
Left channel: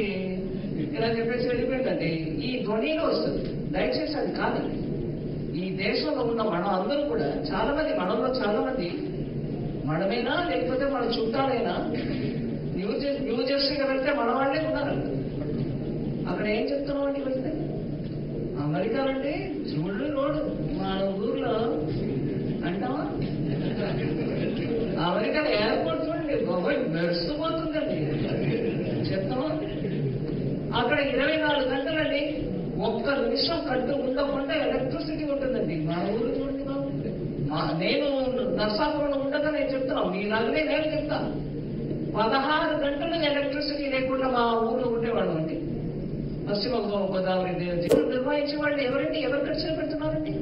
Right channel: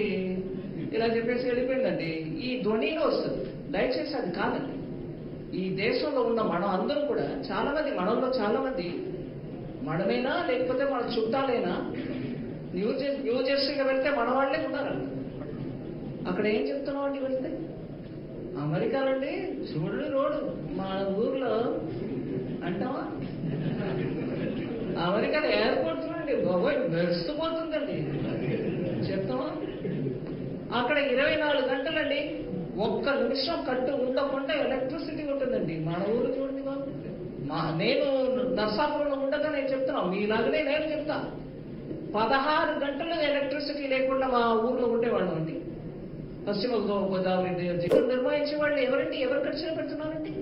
ఇలా చెప్పేసి వెళ్ళిపోయిందండి, ఈ ధ్వనిలో వస్తుంది. దయచేసి అది కాదండి. ఈ దేశంలో ఉన్న మనం అందరూ కూడా చాలా మంది, మనలో చాలా మంది మనమైనా లేకపోతే మన చుట్టాలైనా న్యూ జెర్సీగా వెళ్తే మన వాళ్ళే ఉన్నారంట. అక్కడ ఏం చెప్తున్నాం అండి? వెళ్తే అమెరికాలంటే చూడు రోడ్డు మన ఊర్లో అంటావా? అమెరికాలో ఎయిర్పోర్ట్ చూడండి బాబోయ్ వెడిసిపోతుందండి చెప్తామా? అక్కడ 24 గంటలండి, ఒక్క నిమిషం కట్టు ఉండకుండా ఎలక్ట్రిసిటీ ఉంటుందండి. మన ఊరు చూడండి బాబు. నేను నర్సాపురంలో ఉండగా నేను చెప్తున్నాను, మీలాగనే నేను చెప్తాను. 16 గంటలు ఎలక్ట్రిసిటీ లేకుండా మా ఊర్లో ఉండేవాళ్ళం అండి. పశ్చిమ గోదావరి నిర్వహించే వాళ్ళు ఎవరండి? ఎవరు ఖర్చు పెడుతున్నారండి?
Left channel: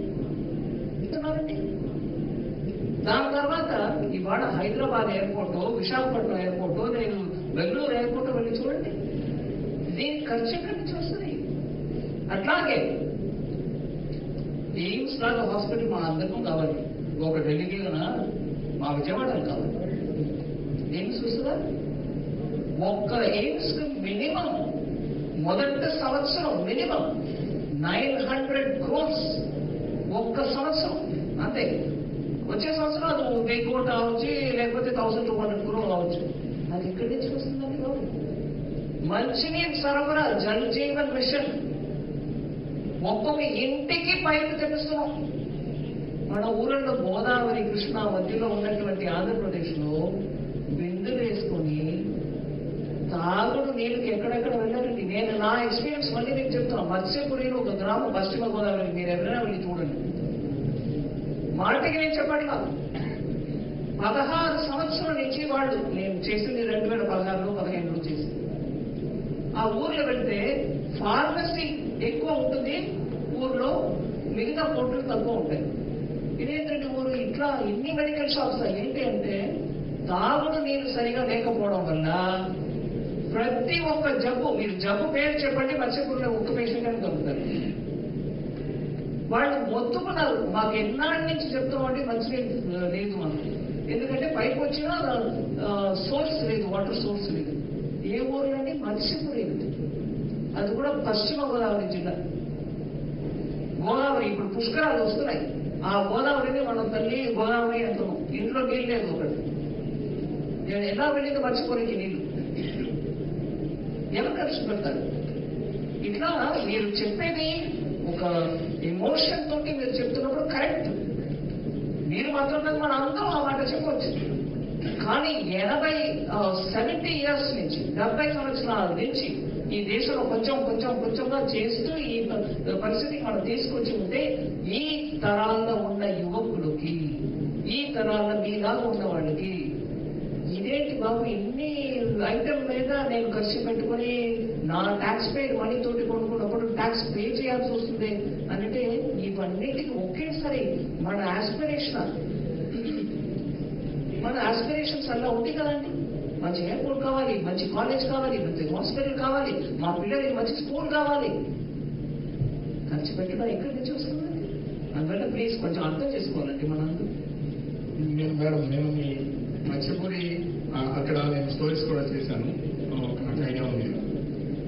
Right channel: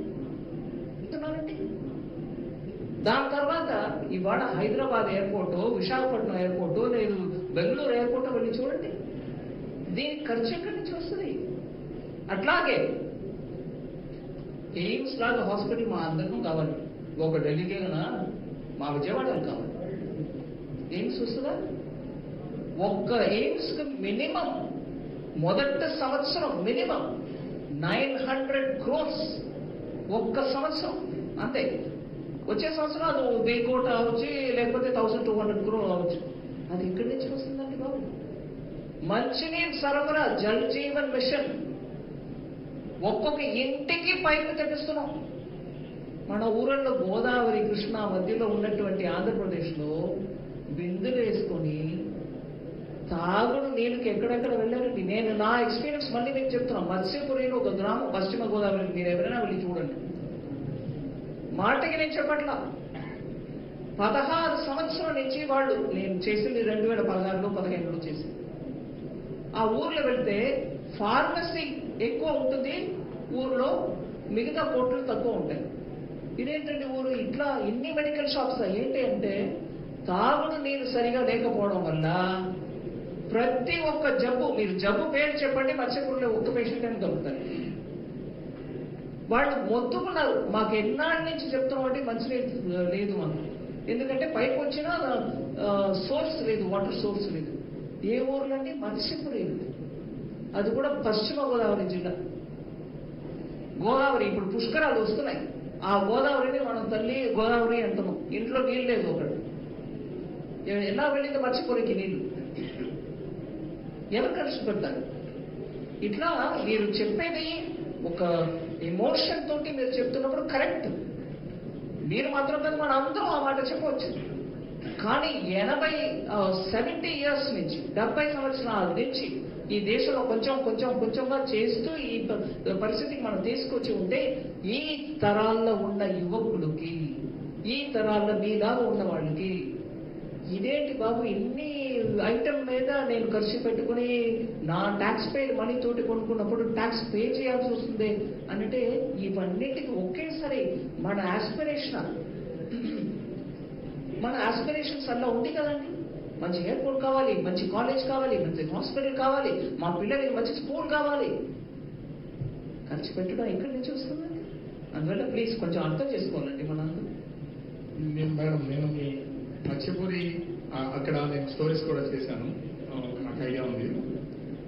దాని తర్వాత ఇవాళ హైదరాబాద్ ఎయిర్పోర్ట్, విశాఖపట్నం ఎయిర్పోర్ట్, నేను బెంగళూరు ఎయిర్పోర్ట్ వెళ్ళి చూడండి, దీనికి ఖర్చు ఎక్కడి నుంచి వస్తుంది? అట్లాగే ఎయిమ్స్ లాంటి హాస్పిటల్ మా అందరికీ కావాలి. ఒక ఢిల్లీకి మా విజయవాడకు కావాలి. ఎయిమ్స్ వస్తుందా? ఒక్క ఎయిమ్స్ కి మినిమం మొదటి సంవత్సరం మినిమం 900 crores ఒక్క సంవత్సరం అంతే. వచ్చే సంవత్సరం అది 1000 కోట్లు అవచ్చు, లేకపోతే 1200 crore అవచ్చు. అది ఎక్కడి నుంచి వస్తుందండి బాబు? మంచినీరు సరఫరా, జల్ జీవన్ మిషన్, ఒక్కొక్క ఇంటికి పైపు తెప్పిస్తున్నాం. మన ఊళ్ళో గోదావరి కృష్ణ మధ్యలో ఉన్నటువంటి ఆంధ్రప్రదేశ్ లో బిందులు వేసుకొని తాగుడు నీళ్ళకి ఎక్కడెక్కడ వెళ్ళారండి. నేను నా ఎక్స్పీరియన్స్ మళ్ళీ మీకు చెప్తున్నా. మత్స్యపురిలో ఒక గ్రామం పశ్చిమ గోదావరి, మీరు ఎవరైనా వెళ్ళి చూడండి. మాటకి నేను చెప్పట్లా, 16 సంవత్సరాల నుంచి వాళ్ళు, నేను చేసింది 2016లో 15లో చేసింది. ఆ ఊర్లో వెళ్తే ఫార్మసీ ఎక్కువ ఉంటుంది ఊర్లో, మిగతా కోట్లు తక్కువ ఉంటాయి. ఇదేంటంటే ఊరు ఇట్లా ఎన్ని మెడికల్ షాప్స్ ఏంటి అంటే తాగుడు నీరు సరిగా లేకపోవడం వల్ల ప్రతి ఒక్క జబ్బు, మీరు జబ్బు పేరు చెప్పండి, మత్స్యపురంలో ఒక్క పేషెంట్ అని దొరుకుతారు. వాళ్ళు మొత్తుకున్నారు, మాకు ఎన్నాటి నుంచి చెప్తామంటే మంచినీరు లేదు మనకు, ఎందుకంటే పైకి వచ్చినా సోర్స్ లేదు, వాటర్ సోర్స్ లేదు. ఏ ఊర్లండి? మత్స్యపురి, అది కూడా పశ్చిమ గోదావరి జిల్లా. గోదావరి ఇప్పుడు పుష్కరాలు వస్తున్నాయి, ఆ గోదావరిని వాళ్ళ తల్లి గోదావరి అంటున్నాం. ఇంట్లో నీళ్ళు లేదు ఒకటి, ఎలా వెళ్ళింది మత్స్యపురికి నీళ్లు? ఎవరు ఖర్చు పెడతారు? ఇట్లా మీరు చెప్పేది ఒక ఎమోషన్ తోటి మీరు చెప్తున్నప్పుడు కరెక్ట్, మీరు మాత్రం మన అందరం ఆ మాట చెప్పవచ్చు. కానీ 70 years నుంచి 70 సంవత్సరాల నుంచి ఈ దేశంలో కొంచెంగా చేస్తూ ఈ పరిస్థితికి మనం తీసుకొచ్చి ఉంటే ఈ తరాల్లో ఉన్న యువకులకి, ఈ తరాల్లో మీలాగా ఉన్న వాళ్ళకి ఇదేంటి బాబు ఇన్ని ఐటమ్ మీద నేను ఖర్చు పెట్టుకుని నా ట్యాక్స్ పేడ్ మనీ తోటి కొనుక్కున్నప్పుడు ట్యాక్స్ పే చేయాల్సి వస్తుంది అంటే ఇవన్నిటికీ ఒకేసారి మన ఆస్పిరేషన్స్ అట్లా ఉంటాయి కదండి. మంచి ఎయిర్పోర్ట్ కావాలి, మంచి కాలేజ్ కావాలి, మంచి హాస్పిటల్ కావాలి, మా పిల్లలకి మంచి స్కూల్ కావాలి. ఖర్చు పెట్టడం ఎక్కడి నుంచి వస్తుందండి? అందువల్ల ప్లీజ్ కొంచెం అర్థం చేసుకోవాలండి మనందరూ. మేడం, నేను మీ మత్స్యపురి అక్కడ నేను స్టోరీస్ కూడా చేశాను, నాకు ఐడియా ఉంది.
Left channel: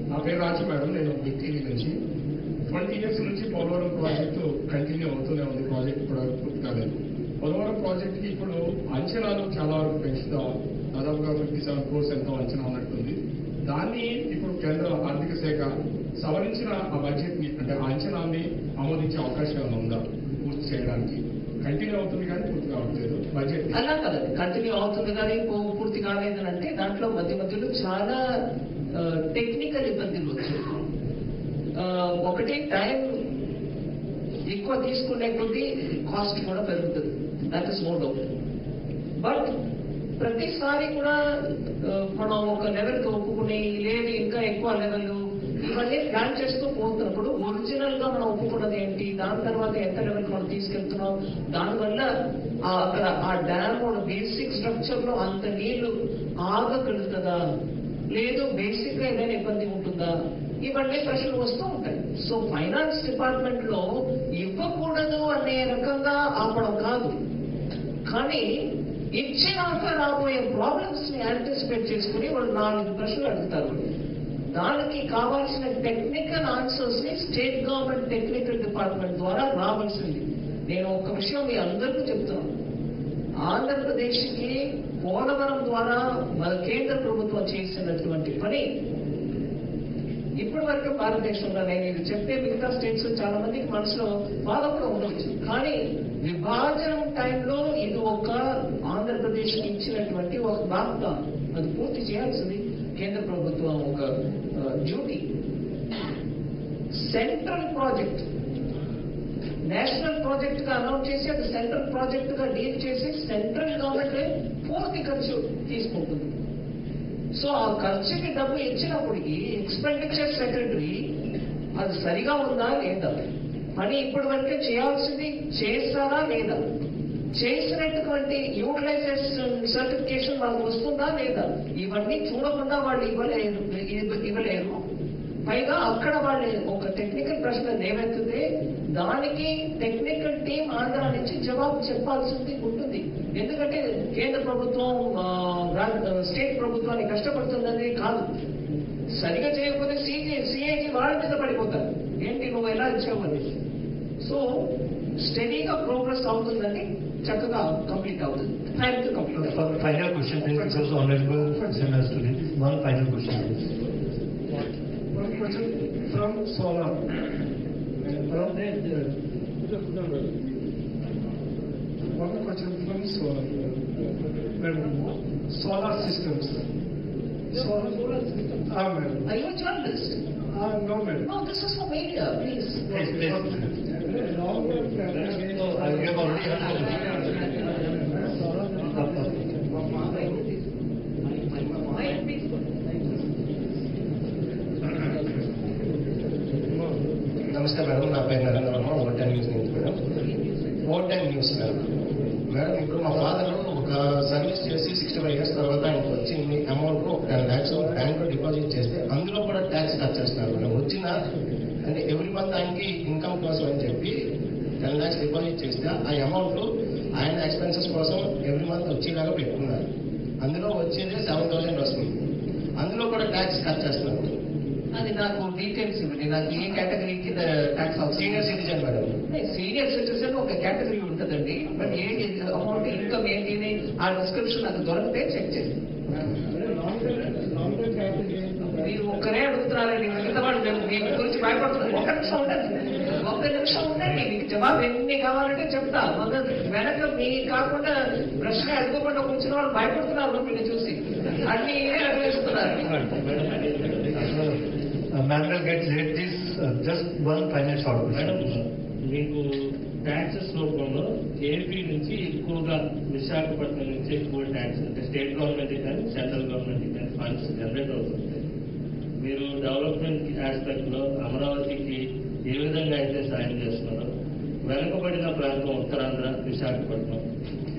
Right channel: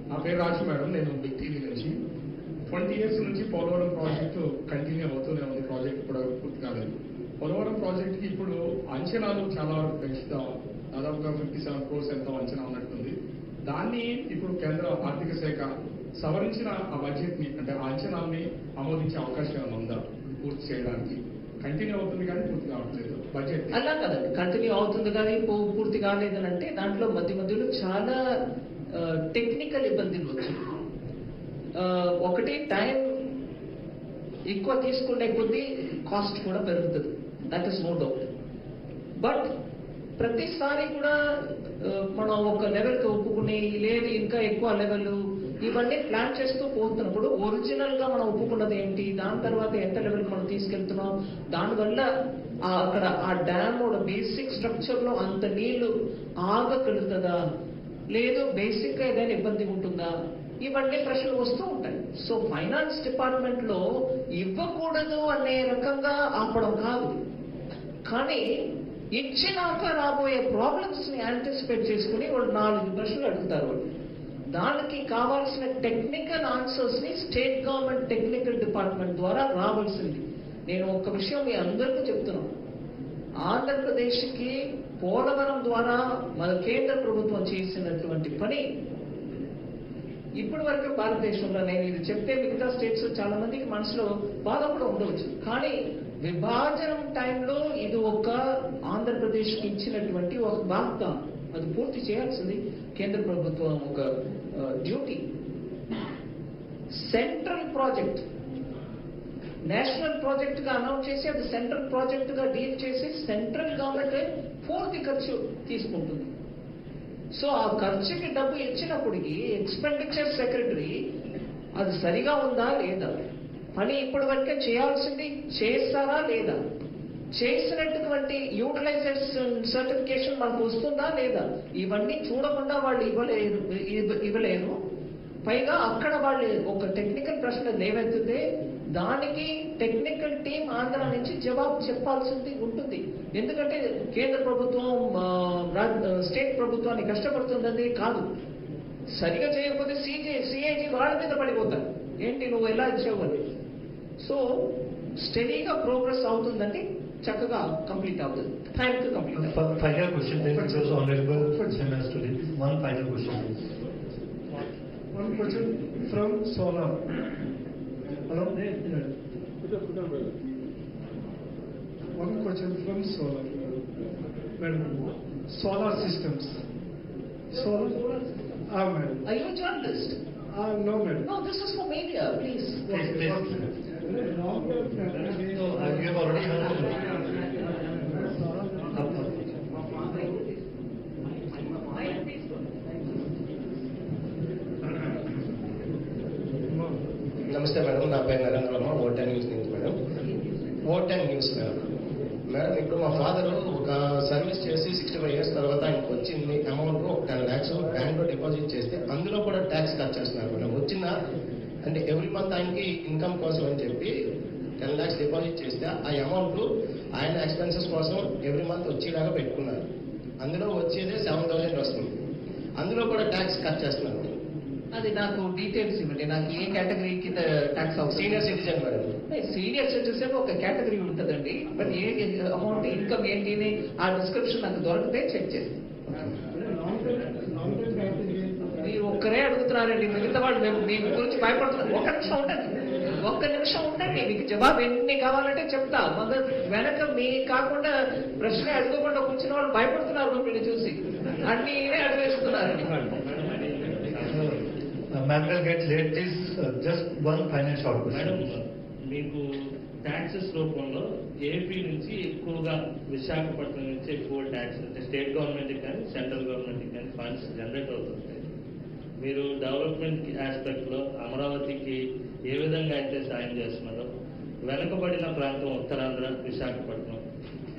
నా పేరు రాజు మేడం, నేను మీ టీవీ నుంచి 20 years నుంచి పోలవరం ప్రాజెక్టు కంటిన్యూ అవుతూనే ఉంది. ప్రాజెక్ట్ ఇప్పుడు పూర్తి కాలేదు. పోలవరం ప్రాజెక్టుకి ఇప్పుడు అంచనాలు చాలా వరకు పెంచుతాం, దాదాపుగా 57 crores ఎంతో అంచనా ఉన్నట్టుంది. దాన్ని ఇప్పుడు కేంద్ర ఆర్థిక శాఖ సవరించిన ఆ బడ్జెట్ ని, అంటే ఆ అంచనాల్ని ఆమోదించే అవకాశం ఏమైనా ఉందా పూర్తి చేయడానికి? కంటిన్యూ అవుతుంది కానీ పూర్తి కావట్లేదు బడ్జెట్. అలా కదండి, కంటిన్యూ అవుతుంది కానీ పూర్తి కాలేదని అంటే దాంట్లో మధ్యలో చాలా టెక్నికల్ ఇబ్బందులు వచ్చాయి. ఒకటి టైం ఎక్కువ తీసుకునే కొద్దీ కాస్ట్ కూడా పెరుగుతుంది, that is no doubt. But ప్రతిసారి కూడా మనం ఒక లెవెల్కి ఒప్పుకుని లేదు ఇంకా ఎక్కువ లెవెల్ ఇవన్నీ ప్లాన్ చేస్తూ పోతున్నప్పుడు ఒరిజినల్ గా మనం ఒప్పుకున్నది ఏంటి, దాని తర్వాత ఎంత లెవెల్కి మనం తీసుకెళ్తున్నాం, దానివల్ల అక్కడ ఆ డ్యామ్ కూడా బేసిక్ స్ట్రక్చర్ లో అంత నీళ్లు ఆగగలుగుతుందా, లేదు బేసిక్ గా ఏదైనా ఇబ్బంది ఉంటుందా, ఇవన్నీ ప్రశ్నలు వస్తూ ఉంటాయి. సో ఫైనాన్స్ డిపార్ట్మెంట్ లో ఇవ్వకూడదు అనే రకంగా ఆపడం కాదు, కానీ ఇచ్చినాక రాబోయే ప్రాబ్లమ్స్ ని యాంటిసిపేట్ చేసుకుని వాళ్ళు 4 ప్రశ్నలు అడుగుతారు. దానికి కావాల్సిన టెక్నికల్ ఆన్సర్స్ ని స్టేట్ గవర్నమెంట్ టెక్నికల్ డిపార్ట్మెంట్ ద్వారా రావాల్సింది. నేను ఒక విషయం మీ అందరికీ చెప్తున్నాను, ఆంధ్రప్రదేశ్ కి పోలవరం ద్వారా మన కేంద్ర ప్రభుత్వం చేసినటువంటి పని ఇప్పటి వరకు భారతదేశంలో నేను ఇది చెప్తే మిగతా స్టేట్స్ చాలా మందికి మనసులో బాధ కూడా ఉండవచ్చు. కానీ విభాజనం టైంలో ఇది ఒక ఆంధ్రప్రదేశ్కి ఇచ్చినటువంటి ఒక వాగ్దానం. అది పూర్తి చేయాల్సింది కేంద్ర ప్రభుత్వం ఒక duty. Central project national project గా అనౌన్స్ చేసి అది సెంట్రల్ ప్రాజెక్ట్ గా డీల్ చేసి సెంట్రల్ గవర్నమెంట్ పూర్తి ఖర్చు తీసుకుంటుంది. సో ఆ ఖర్చుకి డబ్బు ఇచ్చినప్పటికీ ఎక్స్పెండిచర్ సెక్రటరీ అది సరిగా ఉందా లేదా అని ఇప్పటి వరకే చేయాల్సింది చేస్తారా లేదా, చేసినటువంటి యూటిలైజేషన్ సర్టిఫికేషన్ మనకు వస్తుందా లేదా, ఇవన్నీ చూడకుండా వాళ్ళు ఇవ్వలేరు. పైగా అక్కడ వాళ్ళు ఒక టెక్నికల్ ప్రశ్న లేవెత్తితే దానికి టెక్నికల్ టీం ఆంధ్ర నుంచి జవాబు చెప్పాల్సింది ఉంటుంది. ఎందుకంటే కేంద్ర ప్రభుత్వం స్టేట్ ప్రభుత్వాన్ని కష్టపడుతుందని కాదు, సరిగా చేయకపోతే సిఐజీ వాళ్ళ మీద పడిపోతారు, ఏంటి నువ్వు ఎలా ఇచ్చావు అని. సో స్టడీగా ప్రోగ్రెస్ అవుతుందని చక్కగా కంప్లీట్ అవుతుంది. టైంతో complete. Final question, then it goes honorable SMS to this. One final question. One question from Solar. One question from Solar. Solar systems. Solar systems. Madam. Are you a journalist? No, madam. No, this is for media, please. Please. So, you have already నమస్తే madam, నా పేరు నరేంద్ర వర్మ, ఓటెన్ news నుంచి madam. ఓటెన్ news madam. Madam ఇప్పుడు మా father ఒక service చేసి 65 years తర్వాత ఆయనకు వచ్చింది అమౌంట్ 10 lakhs బ్యాంక్ లో డిపాజిట్ చేస్తే అందులో కూడా ట్యాక్స్ కట్ చేస్తున్నారు మేడం. వచ్చిన అంటే ఎవ్రీ మంత్ ఆయనకి ఇన్కమ్ కోసం అని చెప్పి 10 lakhs డిపాజిట్ చేస్తే ఆ అమౌంట్ ఆయన ఎక్స్పెన్సెస్ కోసం ఎవ్రీ మంత్ వచ్చేలాగా పెట్టుకున్నారు. అందులో వచ్చేది 7,000 వస్తుంది, అందులో కూడా ట్యాక్స్ కట్ చేస్తున్నారు మేడం. అది నాకు డీటెయిల్స్ ఇవ్వండి. నాకు ఏ కేటగిరీ కింద ట్యాక్స్ అవుతుంది? Senior citizen madam. Senior citizen ఒక కేటగిరీ ఉంటుందండి, బట్ ఏ అమౌంట్ ఇన్కమ్ ఏంటి ఆ డిస్క్రిప్షన్ నాకు దొరికితే చెక్ చేయండి. మీరు ఒక్కరే అడుగుతున్నారండి, మిగతా వాళ్ళు మీ గురించి భయపడుతున్నారు. ఒక్క నిమిషం ఉండండి, మీకు జవాబు ఎన్ని కావాలంటే చెప్తా. వెనక మీ కాకుండా ప్రశ్న అడుకోకుండా కూర్చున్న వాళ్ళు భయపడుతున్నారు మీరు చూసి, అన్ని అడిగేస్తున్నారండి. Ma'am will get late this. Just one final short question. Madam, మీకు ట్యాక్సెస్ రూపంలో ఏపీ నుంచి ఎక్కువగా విశాఖపట్నం నుంచి ఎక్కువ ట్యాక్స్ అంటే స్టేట్ గవర్నమెంట్ కానీ సెంట్రల్ గవర్నమెంట్ కానీ ఫండ్స్ జనరేట్ అవుతుంది. మీరు డెవలప్మెంట్ ఆస్పెక్ట్ లో అమరావతికి ఏ విధంగా అయితే సాయం చేస్తున్నారో, వెనుకబడిన ప్రాంతం ఉత్తరాంధ్ర విశాఖపట్నం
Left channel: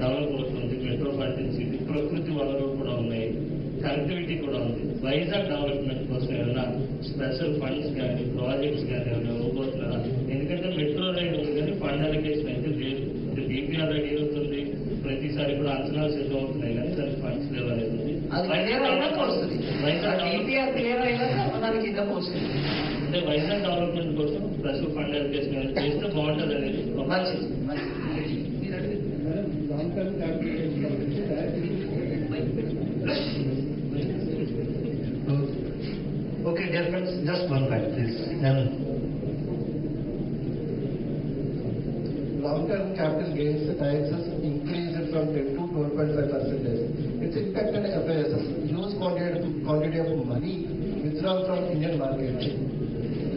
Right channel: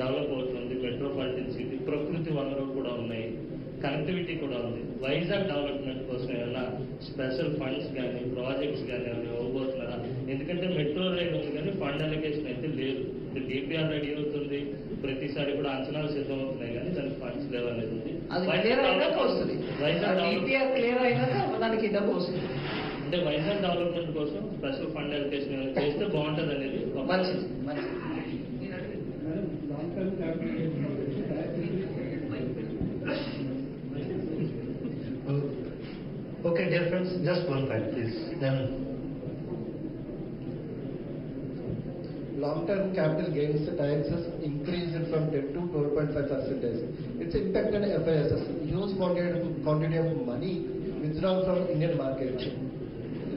డెవలప్ అవుతుంది, మెట్రోపాలిటన్ సిటీ, ప్రకృతి వనరులు కూడా ఉన్నాయి, కనెక్టివిటీ కూడా ఉంది. వైజాగ్ డెవలప్మెంట్ కోసం ఏమన్నా స్పెషల్ ఫండ్స్ కానీ ప్రాజెక్ట్స్ కానీ ఏమైనా ఇవ్వబోతున్నారా? ఎందుకంటే మెట్రో రైల్ ఉంది కానీ ఫండ్ అలొకేషన్ అయితే లేదు. డిపిఆర్ రెడీ అవుతుంది, ప్రతిసారి కూడా అంచనాలు సిద్ధం అవుతున్నాయి కానీ దానికి ఫండ్స్ లేవనేది ఉంది. అంటే వైజాగ్ డెవలప్మెంట్ కోసం స్పెషల్ ఫండ్ అలొకేషన్ చేస్తే బాగుంటుంది అనేది. Okay, dear friends, just one fact, please. Long-term capital gains taxes increased from 10 to 12.5%. Its impact on FISs, huge quantity of money withdrawn from Indian market.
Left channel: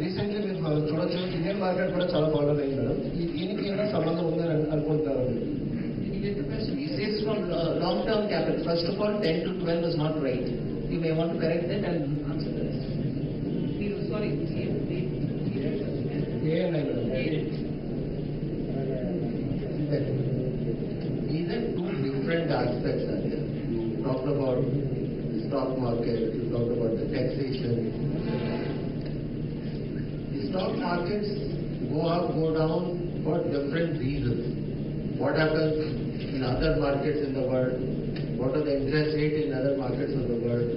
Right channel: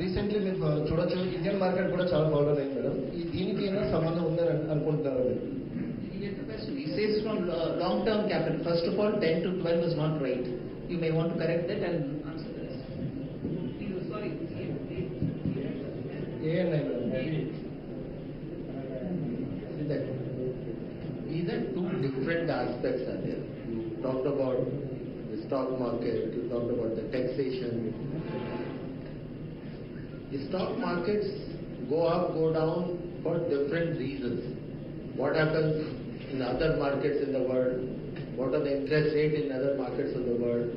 Recently, మీరు చూడొచ్చు Indian market కూడా చాలా popular అయింది madam. దీనికి ఏమైనా సంబంధం ఉందని అనుకుంటున్నారు? He says from long-term capital. First of all, 10 to 12 is not right. You may want to correct that and answer this. Sorry. These are two different aspects are there. You talked about the stock market, you talked about the taxation. The stock markets go up, go down for different reasons. What happens in other markets in the world? What are the interest rates in other markets of the world?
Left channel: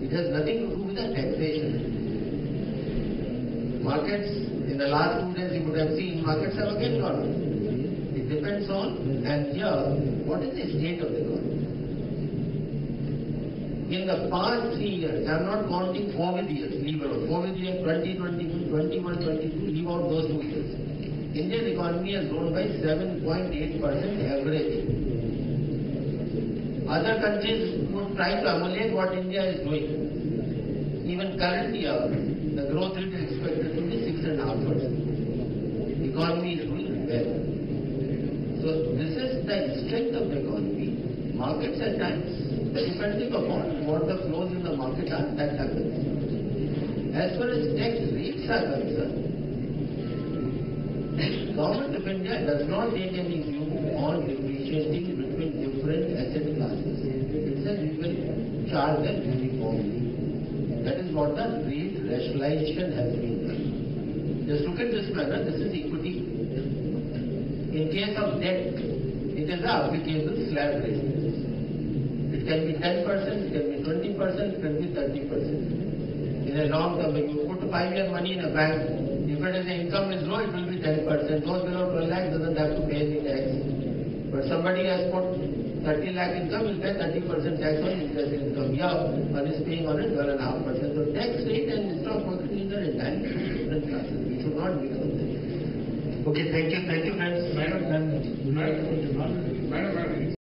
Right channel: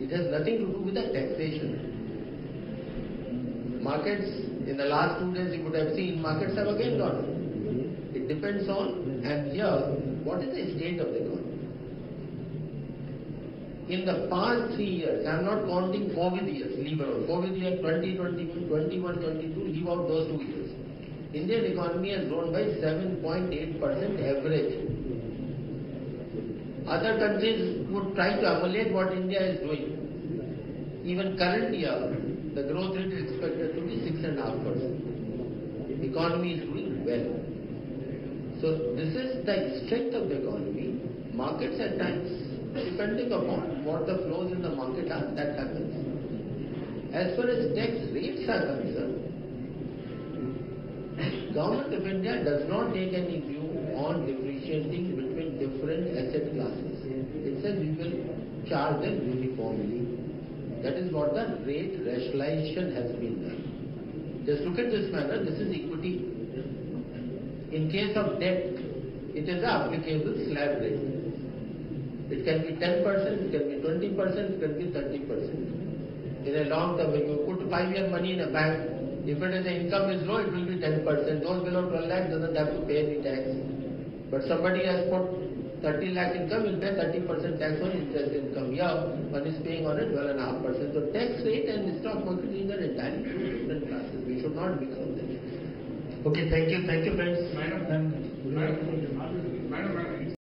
It has nothing to do with the taxation. Markets, in the last 2 days you could have seen, markets have again gone up. It depends on, and here, what is the state of the economy? In the past 3 years, I am not counting COVID years, leave out. COVID year 2020, 21, 22, leave out those 2 years. Indian economy has grown by 7.8% average. Other countries would try to emulate what India is doing. Even current year, the growth rate is expected to be 6.5%. Economy is doing well. So this is the strength of the economy. Markets at times, depending upon what the flows in the market are, that happens. As far as tax rates are concerned, Government of India does not take any view on differentiating between different asset classes. It says we will charge them uniformly. That is what the rate rationalization has been done. Just look at this manner, this is equity. In case of debt, it is the applicable slab rate. It can be 10%, it can be 20%, it can be 30%. In a long term, when you put 5-year money in a bank, if it is the income is low, it will be 10%. Those below 12 lakh doesn't have to pay any tax. But somebody has put 30 lakh income, will pay 30% tax on interest income. Yeah, one is paying on it 12.5%. So tax rate and stock market is are entirely two different classes. We should not mix them. Okay, thank you friends. Madam.